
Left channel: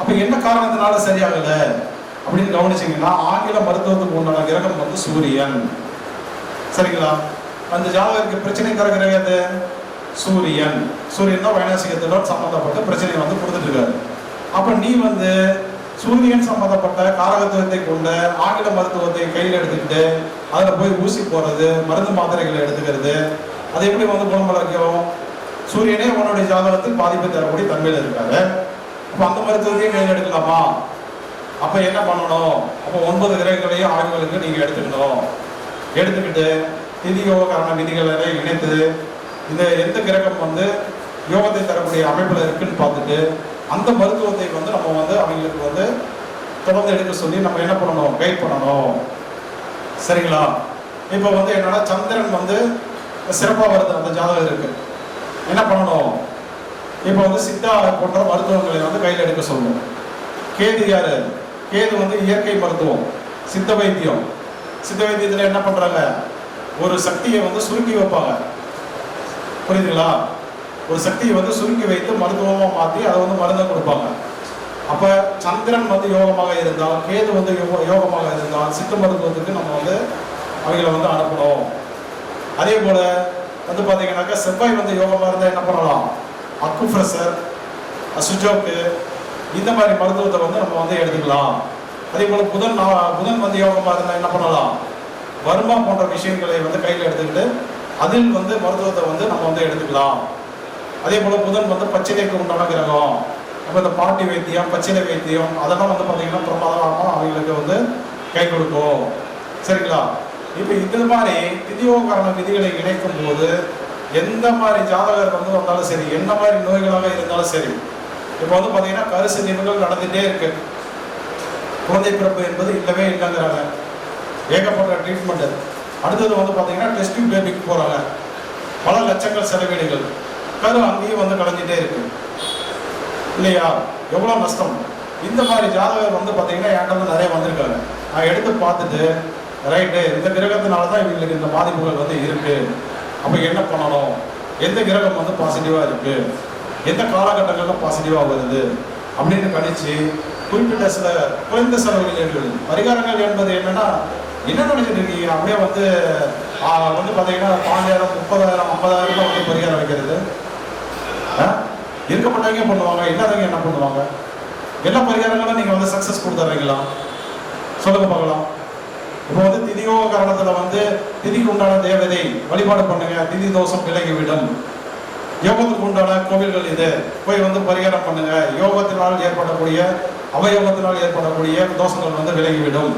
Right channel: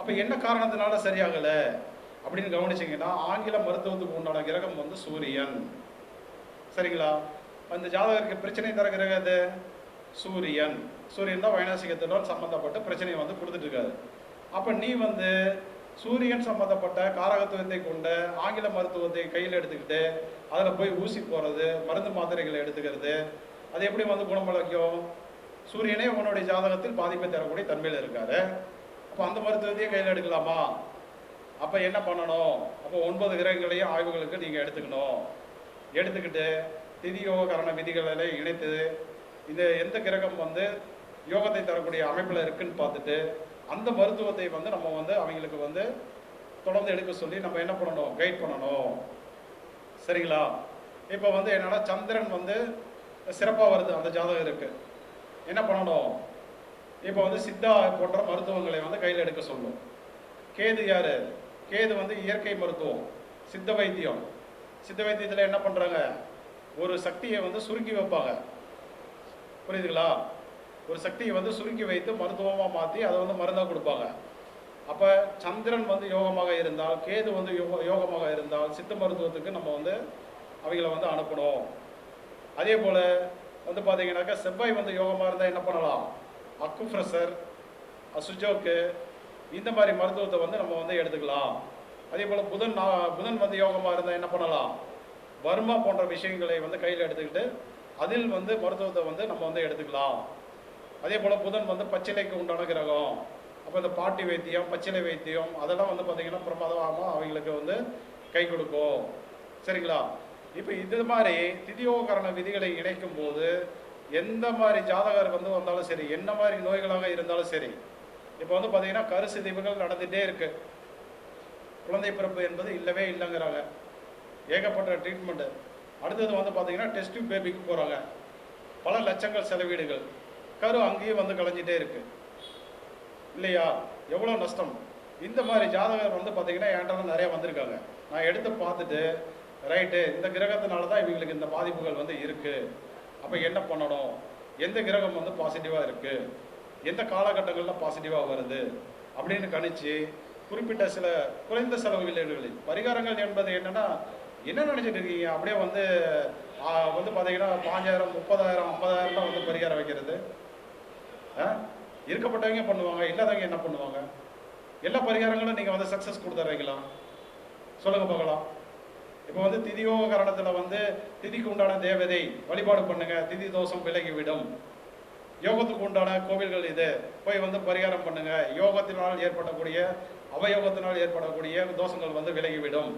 அப்ப என்ன காரணத்தினால சரியாகல அப்படின்னு கவனிச்சீங்கன்னா ஆங்கில மருத்துவத்துக்கு உண்டான கிரகம் வந்து சூரியன். சரிங்களா? அந்த ஜாதகருக்கு பிரச்சனை தர கிரகம் எது? சூரியன். சூரியன் தான் வைநாசிகத்துடன் சம்பந்தப்பட்ட பிரச்சனையை வந்து கொடுத்துட்டு இருக்காரு. அப்ப நீ வந்து சூரியன் சம்பந்தப்பட்ட காரகத்துவத்தை கொண்ட ஆங்கில மருத்துவத்தை கையில் எடுத்துக்கிட்டு அதில் போய் ஊசி போறது, மருந்து மாத்திரைகளை எடுத்துக்கிறது, அது எப்படி வந்து குணமடைக்கும்? சூரியனே உன்னுடைய ஜாதகத்தில் பாதிப்பை தரக்கூடிய தன்மையில் இருக்காரு. அப்போ அந்த மருத்துவத்தையும் கையில் எடுக்கலாமா? அப்போ என்ன பண்ணணும்? அப்போ 9 கிரகங்களையும் ஆய்வுகளுக்கு நீங்கள் எடுத்துக்கணும். எடுத்துக்கிட்டு திதி யோகக்காரண விதிகளை இணைத்து இந்த எந்த கிரகம் வந்து யோகத்தை தரக்கூடிய அமைப்பில் இருக்குன்னு பார்த்துட்டு அந்த மருத்துவத்தை வந்து நம்ம வந்து அவங்களுக்கு வந்து தொடர்ந்து எடுக்க சொல்லி நம்ம என்ன பண்ணணும்? கைட் பண்ணணும். சரிங்களா? இப்போ வந்து என்னன்னா சந்திரன் வந்து சிறப்பாக வருது அந்த ஜாதகம் இருக்கு, என்ன பண்ணணும்? இப்போ வந்து சித்தா போன்ற மருத்துவங்களை வந்து கையில் எடுக்க சொல்லணும். கேது யாரு? கேது வந்து இயற்கை மருத்துவம், சித்த வைத்தியம். சித்த வைத்தியத்தில் என்ன பண்றாங்க? ஒரு சக்தியை வந்து சுருக்கி வைப்பாங்க. புரியுதுங்களா? ஒரு சக்தியை வந்து சுருக்கி வைத்து மருத்துவமாக மாற்றி அதை வந்து மருந்தை கொடுப்பாங்க. அப்போ சந்திரன் வந்து யோகமாக இருந்தால், கேது வந்து யோகமாக இருந்தால் சித்த மருத்துவத்துக்கு நம்ம வந்து அவங்களை வந்து அனுப்பணும். அதே போல வந்து பார்த்தீங்கன்னாக்கா செவ்வாய் வந்து யோகமாக இருந்தால் என்ன பண்ணலாம்? அக்குப்ரெஷர், சுஜோக்கு, இந்த மாதிரி மருத்துவத்தை வந்து நம்ம வந்து எடுத்துக்கலாம். அதே போல் புதன் வந்து யோகமாக இருந்தால் என்ன பண்ணலாம்? வர்மா போன்ற விஷயங்களை வந்து கையில் எடுத்துக்கிட்டு அதில் வந்து மருத்துவத்தை வந்து நம்ம வந்து எடுத்துக்கலாம். அதே போல் புதன் வந்து பச்சிலைக்கு உண்டான கிரகம். அப்போ இந்த பாட்டி வைத்தியம், பச்சிலை வைத்தியம் அதெல்லாம் வந்து பார்த்தீங்கன்னா பிரமாதமாக அவங்களுக்கு வந்து கை கொடுக்கும். சரிங்களா? இப்போ இது மாதிரி திதியோகரண விதிகளை இணைக்கும் போது எந்த மாதிரி ஜாதகர் வந்து வந்தாலும் சரி, என்ன மாதிரி நோய்களாக இருந்தாலும் சரி, இப்போ வந்து பார்த்தீங்கன்னா கருசு நிகழ்வுகள் நடந்துகிட்டே இருக்கு. குழந்தை பிறப்பு என்பது இல்லவே இல்லைங்கிறாங்க. ஏகப்பட்ட ட்ரீட்மெண்ட். அடுத்தது வந்து பார்த்தீங்கன்னா டெஸ்டிங் பேபிக்கு போகிறாங்க. பல லட்சங்கள் செலவீடுகள். கரு அங்கேயும் வந்து கலைஞ்சிட்டே இருக்கு இல்லையா? எவ்வளோ நஷ்டம். இந்த மாதிரி ஜாதகர் வந்து பார்த்தீங்கன்னா என்கிட்ட வந்து நிறைய வந்திருக்காங்க. நான் எடுத்து பார்த்துட்டு ரைட்டு இந்த கிரகத்தினால தான் இவங்களுக்கு இந்த பாதிப்புகள் வந்து இருக்கு. அப்போ என்ன பண்ணணும், எந்த கிரகம் வந்து பாசிட்டிவாக இருக்கு, எந்த காலகட்டங்களில் பாசிட்டிவாக வருது அப்படின்னு கணிச்சு குறிப்பிட்ட சில குறைந்த செலவுகள் பரிகாரங்கள் என்பது என்னன்னா, என்ன நினைச்சிட்டு இருக்கீங்க? அப்படியே வந்து பார்த்தீங்கன்னா 5000 30,000 50,000 தான் வந்து பரிகாரம் வைக்கிறது. இருக்கப்பட்டவங்க பண்ணுவாங்க, இல்லாதவங்க என்ன பண்ணுவாங்க? எல்லா பரிகாரங்களும் நீங்கள் வந்து சக்ஸஸ் கொடுத்துட்றீங்களா? சொல்லுங்க பார்க்கலாம். இப்போ வந்து திதியோக காரணத்தில் வந்து திதிக்கு உண்டான தேவதை வழிபாடு பண்ணுங்க, திதி தோஷம் விலகிவிடும். யோகத்துக்கு உண்டான கோவில்கள் இது, போய் வந்து பரிகாரம் பண்ணுங்க. யோகத்தினால் ஏற்படக்கூடிய அவயோகத்தினால் ஏற்படக்கூடிய தோஷங்கள் வந்து விலகிவிடும்.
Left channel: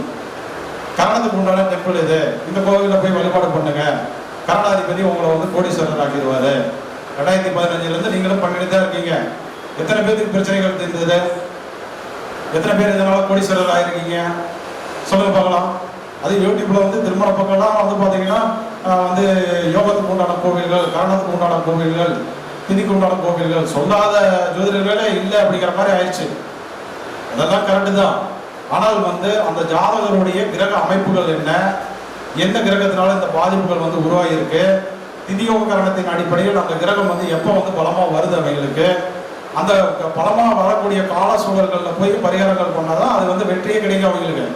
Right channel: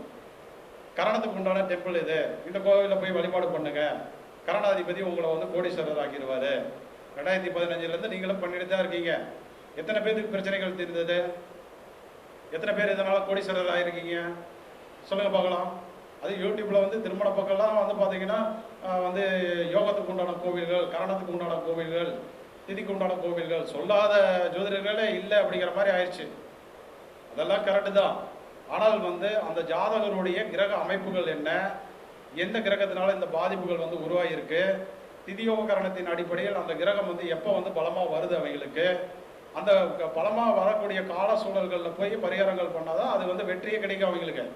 கரணத்துக்கு உண்டான டெம்பிள் இது, இந்த கோவிலில் போய் வழிபாடு பண்ணுங்க. கரணாதிபதி உங்களை வந்து கோடீஸ்வரர் ஆக்கிடுவாரு. 2015 நீங்களும் பண்ணிட்டு தான் இருக்கீங்க. எத்தனை பேருக்கு பிரச்சனைகள் தெரிந்தது? எத்தனை பேர் இதனால கோடீஸ்வரர் ஆயிருக்கீங்க? சொல்லுங்க பார்க்கலாம். அது யூடியூப்ல வந்து திருமண பக்கம்லாம் வந்து பார்த்தீங்கன்னா வந்து யோகத்துக்கு உண்டான கோவில்கள், காரணத்துக்கு உண்டான கோவில்கள், திதிக்கு உண்டான கோவில்கள், சொல்லாத ஜோதிடர்களே இல்லை அப்படிங்கிற மாதிரி ஆயிடுச்சு. அதெல்லாம் கரெக்டு தான். ஆனால் வந்து அந்த ஜாதகருடைய கிரக அமைப்புகள் என்ன, எந்த கிரகத்தினால இந்த பாதிப்புகள் வந்து உருவாகியிருக்கு, திதியோக காரணத்தின் அடிப்படையில் அந்த கிரகம் வந்து எப்போ வந்து பலமாக வருது அவங்களுக்கு, அந்த பலமாக வரக்கூடிய கால சூழல்களில் போய் பரிகாரங்கள் பண்ணாதான் அது வந்து வெற்றியே கிடைக்கும் அவங்களுக்கு.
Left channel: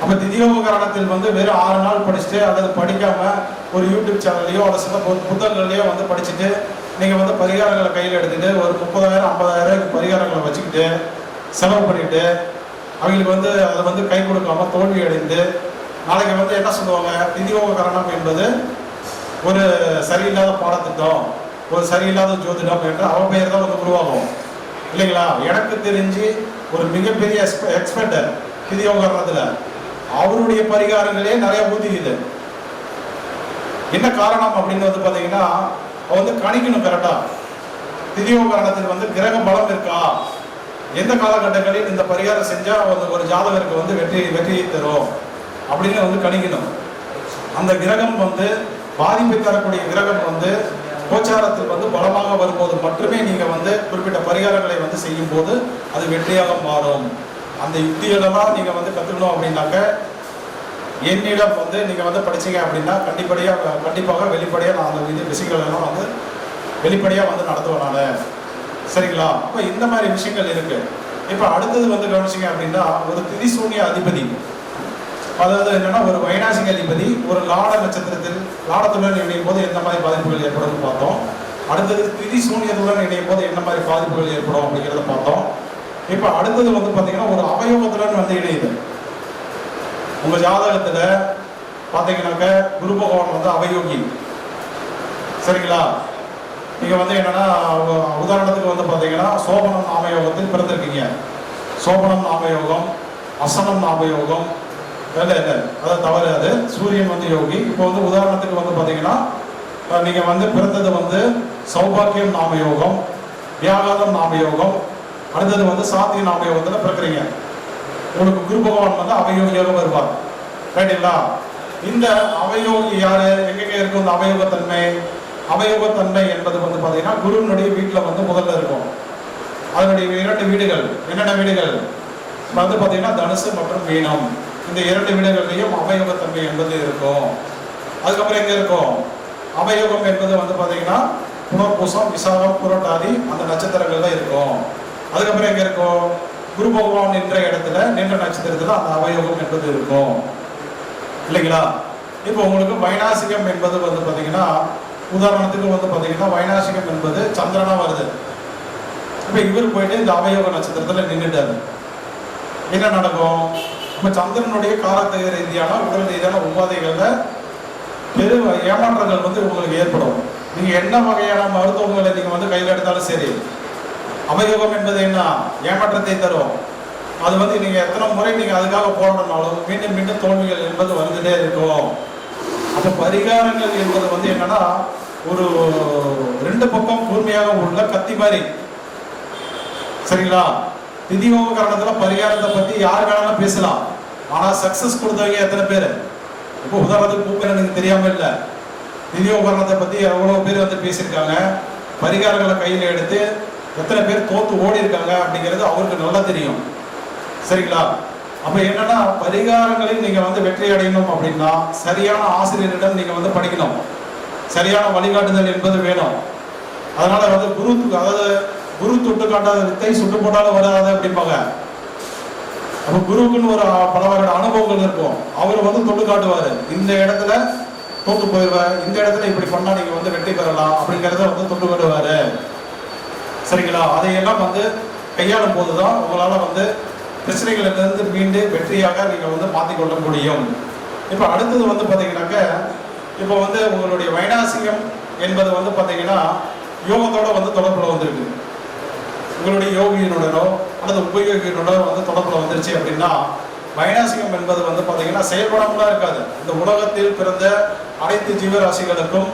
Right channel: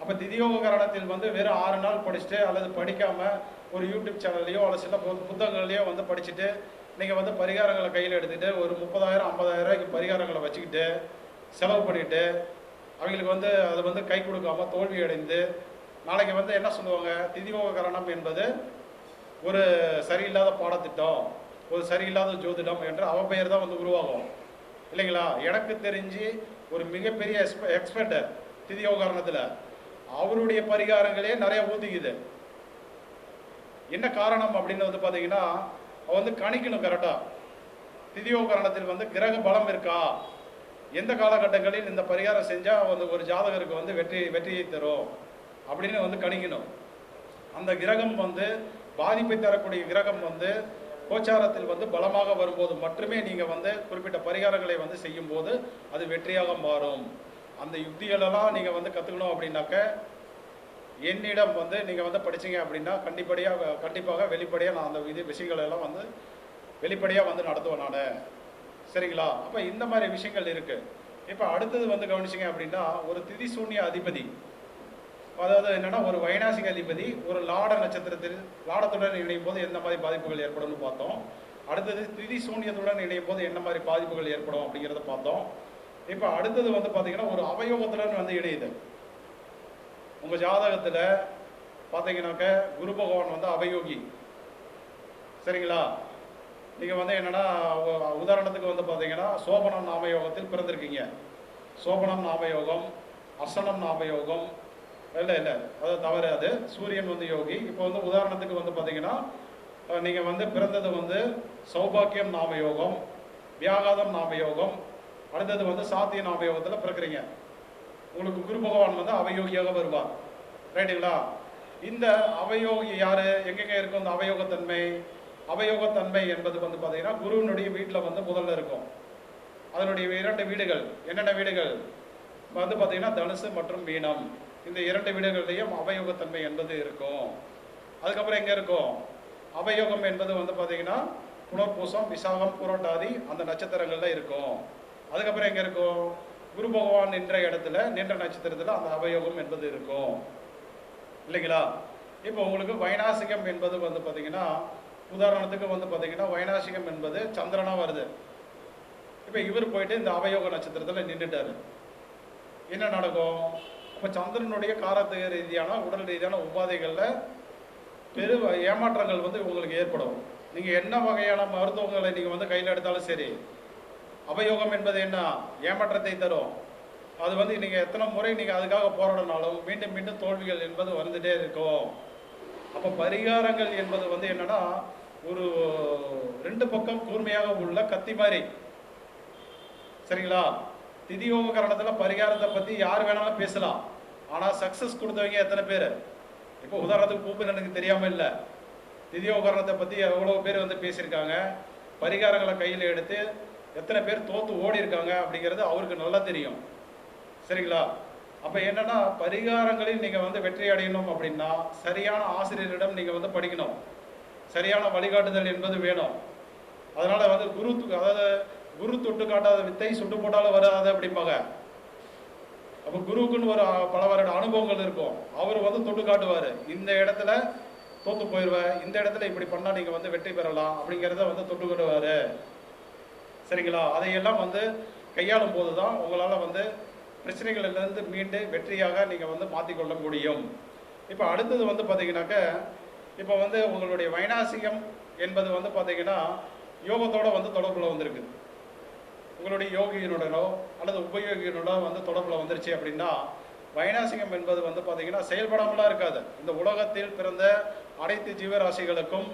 அப்போ திதியோக காரணத்தில் வந்து வெறும் 6 நாள் படிச்சுட்டு அல்லது படிக்காம ஒரு யூடியூப் சேனல்லையோ அல்லது சில புத்தகங்கள்லையோ வந்து படிச்சுட்டு நீங்கள் வந்து பரிகாரங்களை கையில் எடுத்துட்டு ஒரு 30,000 50,000 பரிகாரங்களை வச்சுக்கிட்டு செலவு பண்ணிட்டு அவங்களுக்கு வந்து அதை வந்து கை கொடுக்காம தோல்வி அடைந்து நாளைக்கு வந்து என்ன சொல்லுவாங்க, திதியோக காரணம் என்பது ஒரு சரியில்லாத பாடத்திட்டம், ஒரு சரியில்லாத ஜோதிடம் என்ற அவப்பெயர் தான் வந்து உருவாகும் இல்லைங்களா? எனக்கு தெரிஞ்சு ஒரு மிகப்பெரிய எக்ஸ்பர்ட் திதியோக காரணத்தில் அவருடைய பரிகாரங்களே நிறைய ஊத்திக்குது. என்ன காரணம் அப்படின்னு வந்து பார்த்தீங்கன்னா வந்து கணிக்கணும் கரெக்டா. திதியோக காரணத்தில் வந்து கிரக பலம் இருக்கா, எந்த காலகட்டங்களில் இந்த பரிகாரம் செஞ்சா ஒரு ஜாதகருக்கு வந்து வெற்றியை தரும் அப்படின்னு வந்து கணிக்கணும். அந்த கிரகம் வந்து பாதிப்பை தரக்கூடிய கிரகம் வந்து கோச்சாரத்தில் வந்து பலமாக வரும்போது மட்டுமே நீங்க வந்து குறிப்பிட்ட பரிகாரங்களை வந்து செய்யும் போது அது வெற்றியாக மாறும். அந்த யுக்திகளெல்லாம் நீங்க வந்து கத்துக்கணும் அப்படின்னாக்க என்னிடம் வந்து நீங்க வந்து படிச்சீங்க அப்படின்னா கண்டிப்பாக வெளிப்படையாக நான் அந்த விஷயங்கள் எல்லாம் வந்து வெளிப்படையாக வந்து நடத்துவேன் நான். சரிங்களா? அப்போ இந்த மாதிரி விஷயங்கள் இருக்கு. இப்போ அடுத்தது வந்து கவனிச்சிங்க அப்படின்னா ஒரு திதிசூன்ய அதிபதி, அதாவது என்னன்னா ஒரு வைநாசிக அதிபதி ஒரு லாட நட்சத்திரத்தில் லாடத்துடன் இணையும் போது எந்த மாதிரி பாதிப்புகள் ஏற்படும் பார்த்தோம். அடுத்தது திதிசூன்யத்துடன் இணையும் போது என்ன மாதிரி பாதிப்புகள் ஏற்படும் அப்படிங்கிறத பார்த்தோம். இப்போ அடுத்தது வந்து பார்த்தீங்கன்னா ஒரு அவயோகத்துடன் வந்து இணையுது. உங்க ஜாதகத்துல பார்த்தீங்கன்னாக்க குரு பகவான் வந்து அவயோகி. சரிங்களா? நீங்க வந்து என்னன்னா உதாரணத்துக்கு வந்து பார்த்தீங்கன்னா சோபனம் நாமயோகத்தில் பிறந்திருக்கீங்க. சோபனம் நாமயோகம், அசனம் நாமயோகம் இல்லை அதாவது தவறு, அது சூரியன் வந்து யோகி. இப்போ வந்து உதாரணத்துக்கு வந்து பார்த்தீங்கன்னா நீங்க வந்து பிறந்தது வந்து சௌபாக்கியம் நாமயோகம், வியாகாதம் நாமயோகம், அடுத்தது வந்து சாத்திய நாமயோகத்தில் பிறக்கிறீங்க. உங்களுக்கு குரு பகவான் வந்து அவயோகியாக வருவார். ரைட்டுங்களா? இந்த அவயோகி யாரு, எங்கெங்க இருக்கும் இந்த அவயோகத்தன்மை? அவயோகத்தன்மை என்பது வந்து பார்த்தீங்கன்னா குருவினுடைய வீட்டில் வந்து முதல்ல இருக்கும். அதனுடைய 2 வீடுகள், என்னென்ன வீடுகள் வந்து பார்த்தீங்கன்னா தனுசு மற்றும் மீனம். இந்த 2 வீடுகள்லையும் அவயோகத்தன்மை என்பது இருக்கும். அதுக்கப்புறம் எங்க இருக்கும் அவயோகம் என்பது வந்து பார்த்தீங்கன்னா புனர்பூசம், விசாகம், புரட்டாதி அந்த நட்சத்திரங்கள்ல இருக்கும். அதுக்கப்புறம் எங்க இருக்கும் குரு பகவான் நின்ற இடத்துல நின்ற நட்சத்திரத்துல அந்த அவயோகம் என்பது இருக்கும் இல்லைங்களா? இப்போ உங்களுக்கு வைநாசிகம் என்பது வந்து பார்த்தீங்கன்னா உதாரணத்துக்கு வந்து பார்த்தீங்கன்னா வைநாசிகம் என்பது சந்திரனா வருது. இப்போ இவர் போயிட்டு இந்த அவயோக நட்சத்திரத்துல நின்றுட்டாரு. என்ன நடக்கும்? இப்போ சந்திரனுடைய காலத்தொகை ரீதியான உடல் ரீதியான உபாதைகள்ல பெரு ஏமாற்றங்கள் வந்து உங்களுக்கு ஏற்படும். நீங்க என்ன வகையான மருத்துவங்களை நீங்க வந்து கையில் எடுத்தாலும் சரி, அவயோகம் என்பது என்ன ஏமாற்றத்தை தரும். அது வந்து நீங்க எத்தனை முறை நீங்க அதுக்காக போராடினாலும் மீண்டும் மீண்டும் தோல்விகள் என்பது வந்துட்டே இருக்கும். அப்ப பரிகாரங்கள் என்பது வந்து என்னன்னா ஒரு 2 பக்கம் கூர்மையாக உள்ள கத்தி மாதிரி. சரிங்களா? திதியோக காரணத்துல பரிகாரத்தை பத்தி யார் வேணாலும் பேசலாம். ஆனா சக்சஸ் கொடுத்தவங்க எத்தனை பேர்? இப்போ உதாரணத்துக்கு பூப்பேர் எனக்கு தெரியாம இல்ல, திதியோக காரணத்தை பத்தி எவ்வளவு பேர் வந்து பேசியிருக்காங்க. பரிகாரங்களை கையில எடுத்து எத்தனை பேர் தோத்து ஓடி இருக்காங்க அப்படிங்கிறது அவருக்கு நல்லா தெரியும். சரிங்களா? அப்ப என்னன்னா பரிகாரங்களில் நீங்க வந்து வெற்றி அடையணும் அப்படின்னா சரியான ஆசிரியரிடம் நீங்க வந்து படிக்கணும். சரியான வழிகாட்டுதல் என்பது வேணும். அதனால வந்து குரு தொட்டு காட்டாத வித்தை சுட்டு போட்டாலும் வராது அப்படிம்பாங்க. அப்ப குருவுக்குன்னு ஒரு பல வகையான அனுபவங்கள் இருக்கும். அவர் வந்து தொட்டு காட்டுவாரு, இந்த இடத்துல தோத்து போயிடுவார், இந்த இடத்துல இப்படி பண்ணா நீங்க வந்து வெற்றி பெறலாம் அப்படிங்கிறத வந்து தொட்டு காட்டுவாரு. சரிங்களா? அதையெல்லாம் வந்து கையாளும் போதுதான் உங்களால வந்து பிரச்சனைகளிலிருந்து மீண்டு வெற்றியாக நீங்க வந்து மாற்றிக்கொள்ள முடியும். இப்ப அடுத்தது வந்து பாத்தீங்கன்னாக்க, இப்போ வந்து உங்களுடைய வைநாசிகம் என்பது வந்து பாத்தீங்கன்னா யோகத்தோட வந்து தொடர்புல வந்திருக்கு. உங்களுடைய யோகியினுடனோ அல்லது உபயோகியினோட வந்து தொடர்புல வந்துருச்சு அப்படின்னா வைநாசிகம் என்பது வந்து பாத்தீங்கன்னா செயல்படாமலாம் இருக்காது. இந்த உலகத்தில் பிறந்த அனைத்து ஜீவராசிகளுக்கும்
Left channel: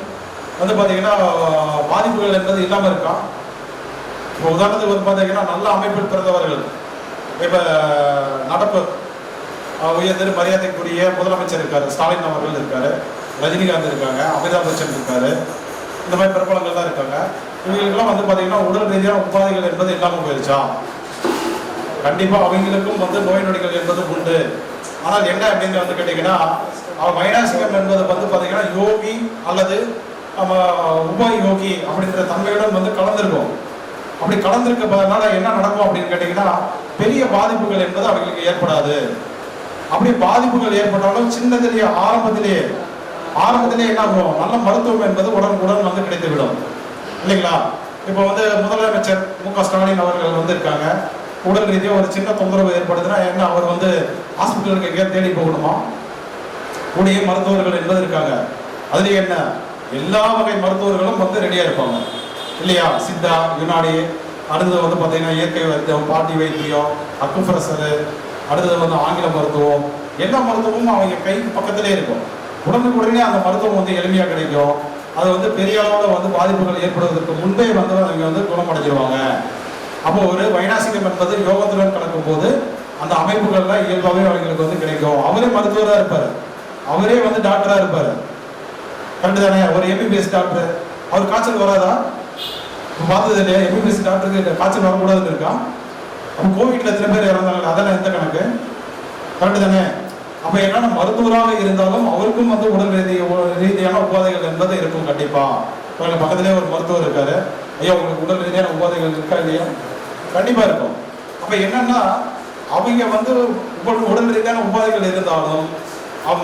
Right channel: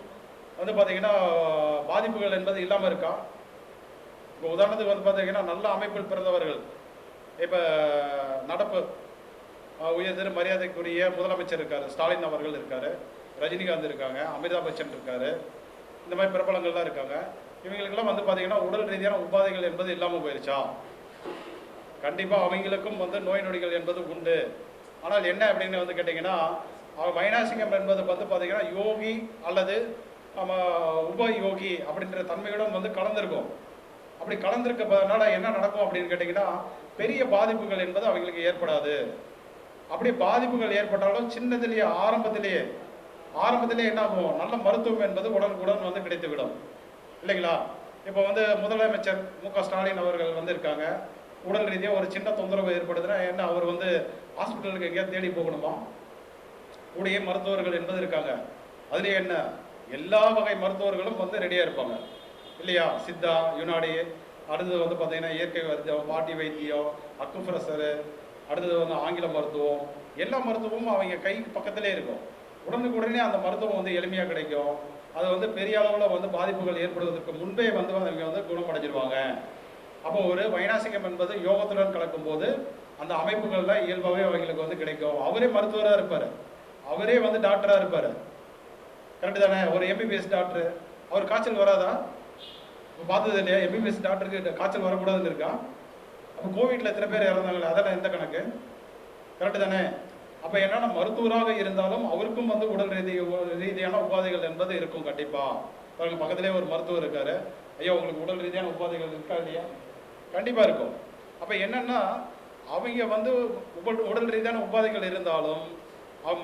வந்து பாத்தீங்கன்னா பாதிப்புகள் என்பது இல்லாம இருக்கா. இப்போ உதாரணத்துக்கு வந்து பாத்தீங்கன்னா நல்ல அமைப்பில் பிறந்தவர்கள், இப்ப நடப்பு உயர் மரியாதைக்குரிய முதலமைச்சர் இருக்காரு, ஸ்டாலின் அவர்கள் இருக்காரு, ரஜினிகாந்த் இருக்காங்க, அமிதாப் பச்சன் இருக்காரு, இந்த மாதிரி பிரபலங்கள்லாம் இருக்காங்க. இவங்களுக்கெல்லாம் வந்து பாத்தீங்கன்னா உடல் ரீதியான உபாதைகள் என்பது இல்லாம போயிருச்சா? கண்டிப்பா அவங்களுக்கும் வந்து நோய் நொடிகள் என்பது உண்டு. ஆனால் என்ன அப்படின்னு வந்து கேட்டீங்கன்னா, வைநாசிகம் என்பது வந்து பாத்தீங்கன்னா யோகி அல்லது உப யோகி அப்படின்ற தன்மையுடன் வந்து கலந்திருக்கும். அப்படி கலந்திருக்கிறதுனால என்ன நடக்கும் அப்படின்னு கேட்டீங்கன்னா பெரிய பாதிப்புகள் என்பது அவங்களுக்கு ஏற்படாது. அப்படி பாதிப்புகள் ஏற்பட்டாலும் சின்னதிலேயே ஆரம்பத்திலேயே என்ன ஆகும், நல்ல மருத்துவம் என்பது உடனுக்குடன் வந்து கிடைத்துவிடும் இல்லைங்களா? இப்போ வந்து முதலமைச்சர் மு.க. ஸ்டாலின் அவர்கள் வந்து இருக்காங்க, உடல் ரீதியாக ஒரு சின்ன தொந்தரவு ஏற்படுதுன்னா என்ன அவர் வந்து ஹாஸ்பிட்டலுக்கு எங்கேயாவது தேடி போகணுமா? கூடிய மருத்துவர்கள் என்பது இருக்காங்க. அதுலேயே என்ன எல்லா வகை மருத்துவர்களும் வந்து ரெடியாக இருப்பாங்க இல்லையா? சித்தா, யுனானி, அடுத்தது வந்து பார்த்தீங்கன்னா இயற்கை வைத்தியம், பாட்டி வைத்தியம், அக்குப்ரெஷரு, அடுத்தது வந்து ஆங்கில மருத்துவம், எல்லா மருத்துவமும் அவங்க கை பக்கத்திலே இருக்கும். உடனுக்குடனே அந்த மருத்துவம் வந்து எளிமையாக கிடைக்கும். அது வந்து பெரிய அளவில் வந்து பாதிப்புகள் ஏற்படுவதற்கு முன்பே வந்து அவங்க வந்து குணமடைஞ்சிருவாங்க. அப்போ ஒரு வைநாசிகம் என்பது யோகத்துடன் கலக்கும் போது அந்த அமைப்புகள்ல இயல்பாகவே அவங்களுக்கு வந்து கிடைக்கும். அவரே மருத்துவராக இருப்பார், அவரே வந்து டாக்டராக இருப்பார். கரெக்டு தானே? ஒரு எம்பிபிஎஸ் டாக்டர், அவர் காய்ச்சல் வராதா? பார்த்தது இல்லையா? எம்பிபிஎஸ் டாக்டருக்கு காய்ச்சல் வரக்கூடாதுன்னு இருக்கா? அப்போ கோவிட்ல எத்தனை பேர் இறந்தாங்க, அதெல்லாம் எந்த கணக்கு? கரெக்டு தானே? அப்ப என்னன்னா மருத்துவராக இருந்தாலும் அவருக்கும் வந்து உடல் ரீதியான உபாதைகள் என்பது இருக்கும். கண்டிப்பா பக்கத்திலேயே ஒரு மருத்துவர் இருக்காரு, ஐயா உங்களுக்கு உடல் ரீதியான உபாதைகள் இருக்கா இல்லையா? கண்டிப்பா இருக்கும். அப்ப என்னன்னா அவங்க வந்து உடல் ரீதியான உபாதைகள் இருந்தாலும்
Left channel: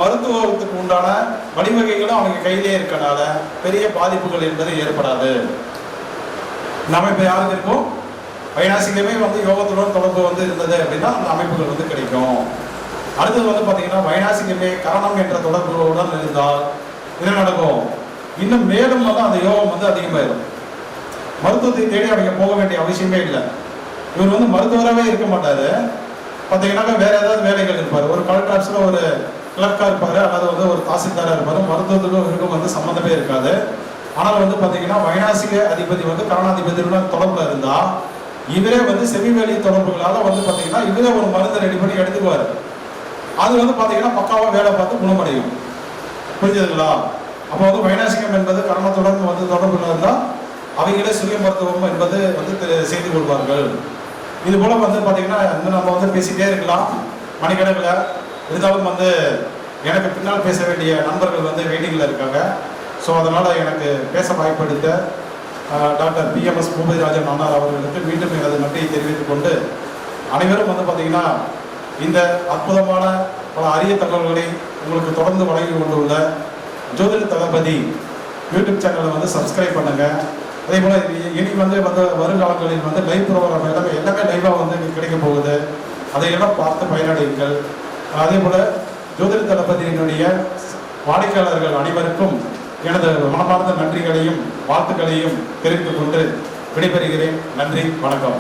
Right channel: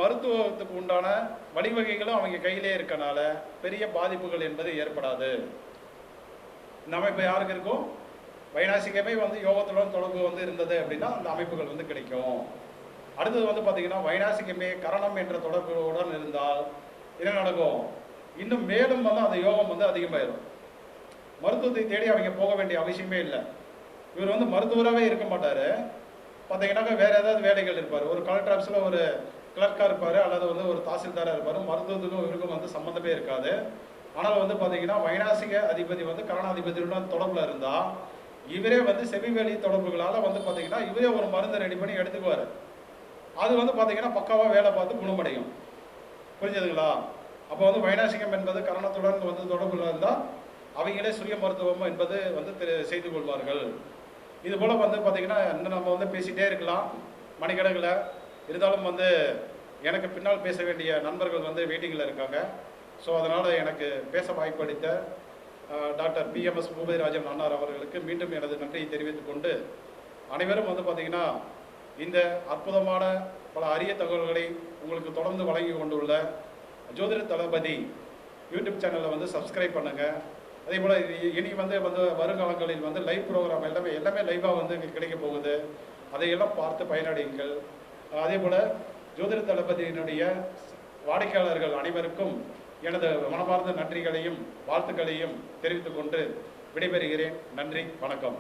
மருத்துவத்துக்கு உண்டான வழிவகைகளும் அவங்க கையிலே இருக்கனால பெரிய பாதிப்புகள் என்பது ஏற்படாது. நம்ம இப்ப யாருக்கு இருக்கும், வைநாசிகமே வந்து யோகத்துடன் தொடர்பு வந்து இருந்தது அப்படின்னா அந்த அமைப்புகள் வந்து கிடைக்கும். அடுத்தது வந்து பாத்தீங்கன்னா வைநாசிகமே கரணம் என்ற தொடர்புடன் இருந்தால் என்ன நடக்கும், இன்னும் மேலும் வந்து அந்த யோகம் வந்து அதிகமாயிடும். மருத்துவத்தை தேடி அவங்க போக வேண்டிய அவசியமே இல்லை. இவர் வந்து மருத்துவராகவே இருக்க மாட்டாரு, பார்த்தீங்கன்னாக்கா வேற ஏதாவது வேலைகள் இருப்பார். ஒரு கலெக்டர் ஆஃபீஸில் ஒரு கிளர்க்கா இருப்பாரு, அல்லது வந்து ஒரு தாசில்தாரா இருப்பாரு. மருத்துவத்துக்கும் இவருக்கும் வந்து சம்மந்தமே இருக்காது. ஆனால் வந்து பாத்தீங்கன்னா வைநாசிக அதிபதி வந்து கரணாதிபதியுடன் தொடர்புல இருந்தா இவரே வந்து செவிவேலி தொடர்புகளால வந்து பாத்தீங்கன்னா இவரே ஒரு மருந்தை ரெடி பண்ணி எடுத்துக்குவாரு. அது வந்து பாத்தீங்கன்னா பக்காவா வேலை பார்த்து குணமடையும். புரிஞ்சதுங்களா? அப்போ வந்து வைநாசிகம் என்பது கரணத்துடன் வந்து தொடர்புல இருந்தா அவங்களே சுய மருத்துவம் என்பது வந்து செய்து கொள்வார்கள். இது போல வந்து பாத்தீங்கன்னா இன்னும் நம்ம வந்து பேசிட்டே இருக்கலாம் மணிக்கணக்கில். இருந்தாலும் வந்து எனக்கு பின்னால் பேச வேண்டிய நண்பர்கள் வந்து வெயிட்டிங்கில் இருக்காங்க. ஸோ அதனால் எனக்கு பேச வாய்ப்பளித்த டாக்டர் பிஎம்எஸ் பூபதிராஜன் அண்ணார் அவர்களுக்கு மீண்டும் எனது நன்றியை தெரிவித்துக் கொண்டு, அனைவரும் வந்து பார்த்தீங்கன்னா இந்த அற்புதமான பல அரிய தகவல்களை உங்களுக்கு தொடர்ந்து வழங்கி கொண்டுள்ள ஜோதிட தளபதி யூடியூப் சேனலை வந்து சப்ஸ்கிரைப் பண்ணுங்க. அதே போல் இனி வந்து வருங்காலங்களில் வந்து லைவ் ப்ரோக்ராம் எல்லாமே லைவாக வந்து கிடைக்க போகுது. அதையெல்லாம் பார்த்து பயனடையுங்கள். அதே போல் ஜோதிட தளபதியினுடைய வாடிக்கையாளர்கள் அனைவருக்கும் எனது மனமார்ந்த நன்றிகளையும் வாழ்த்துக்களையும் தெரிவித்துக் கொண்டு விடைபெறுகிறேன். நன்றி, வணக்கம்.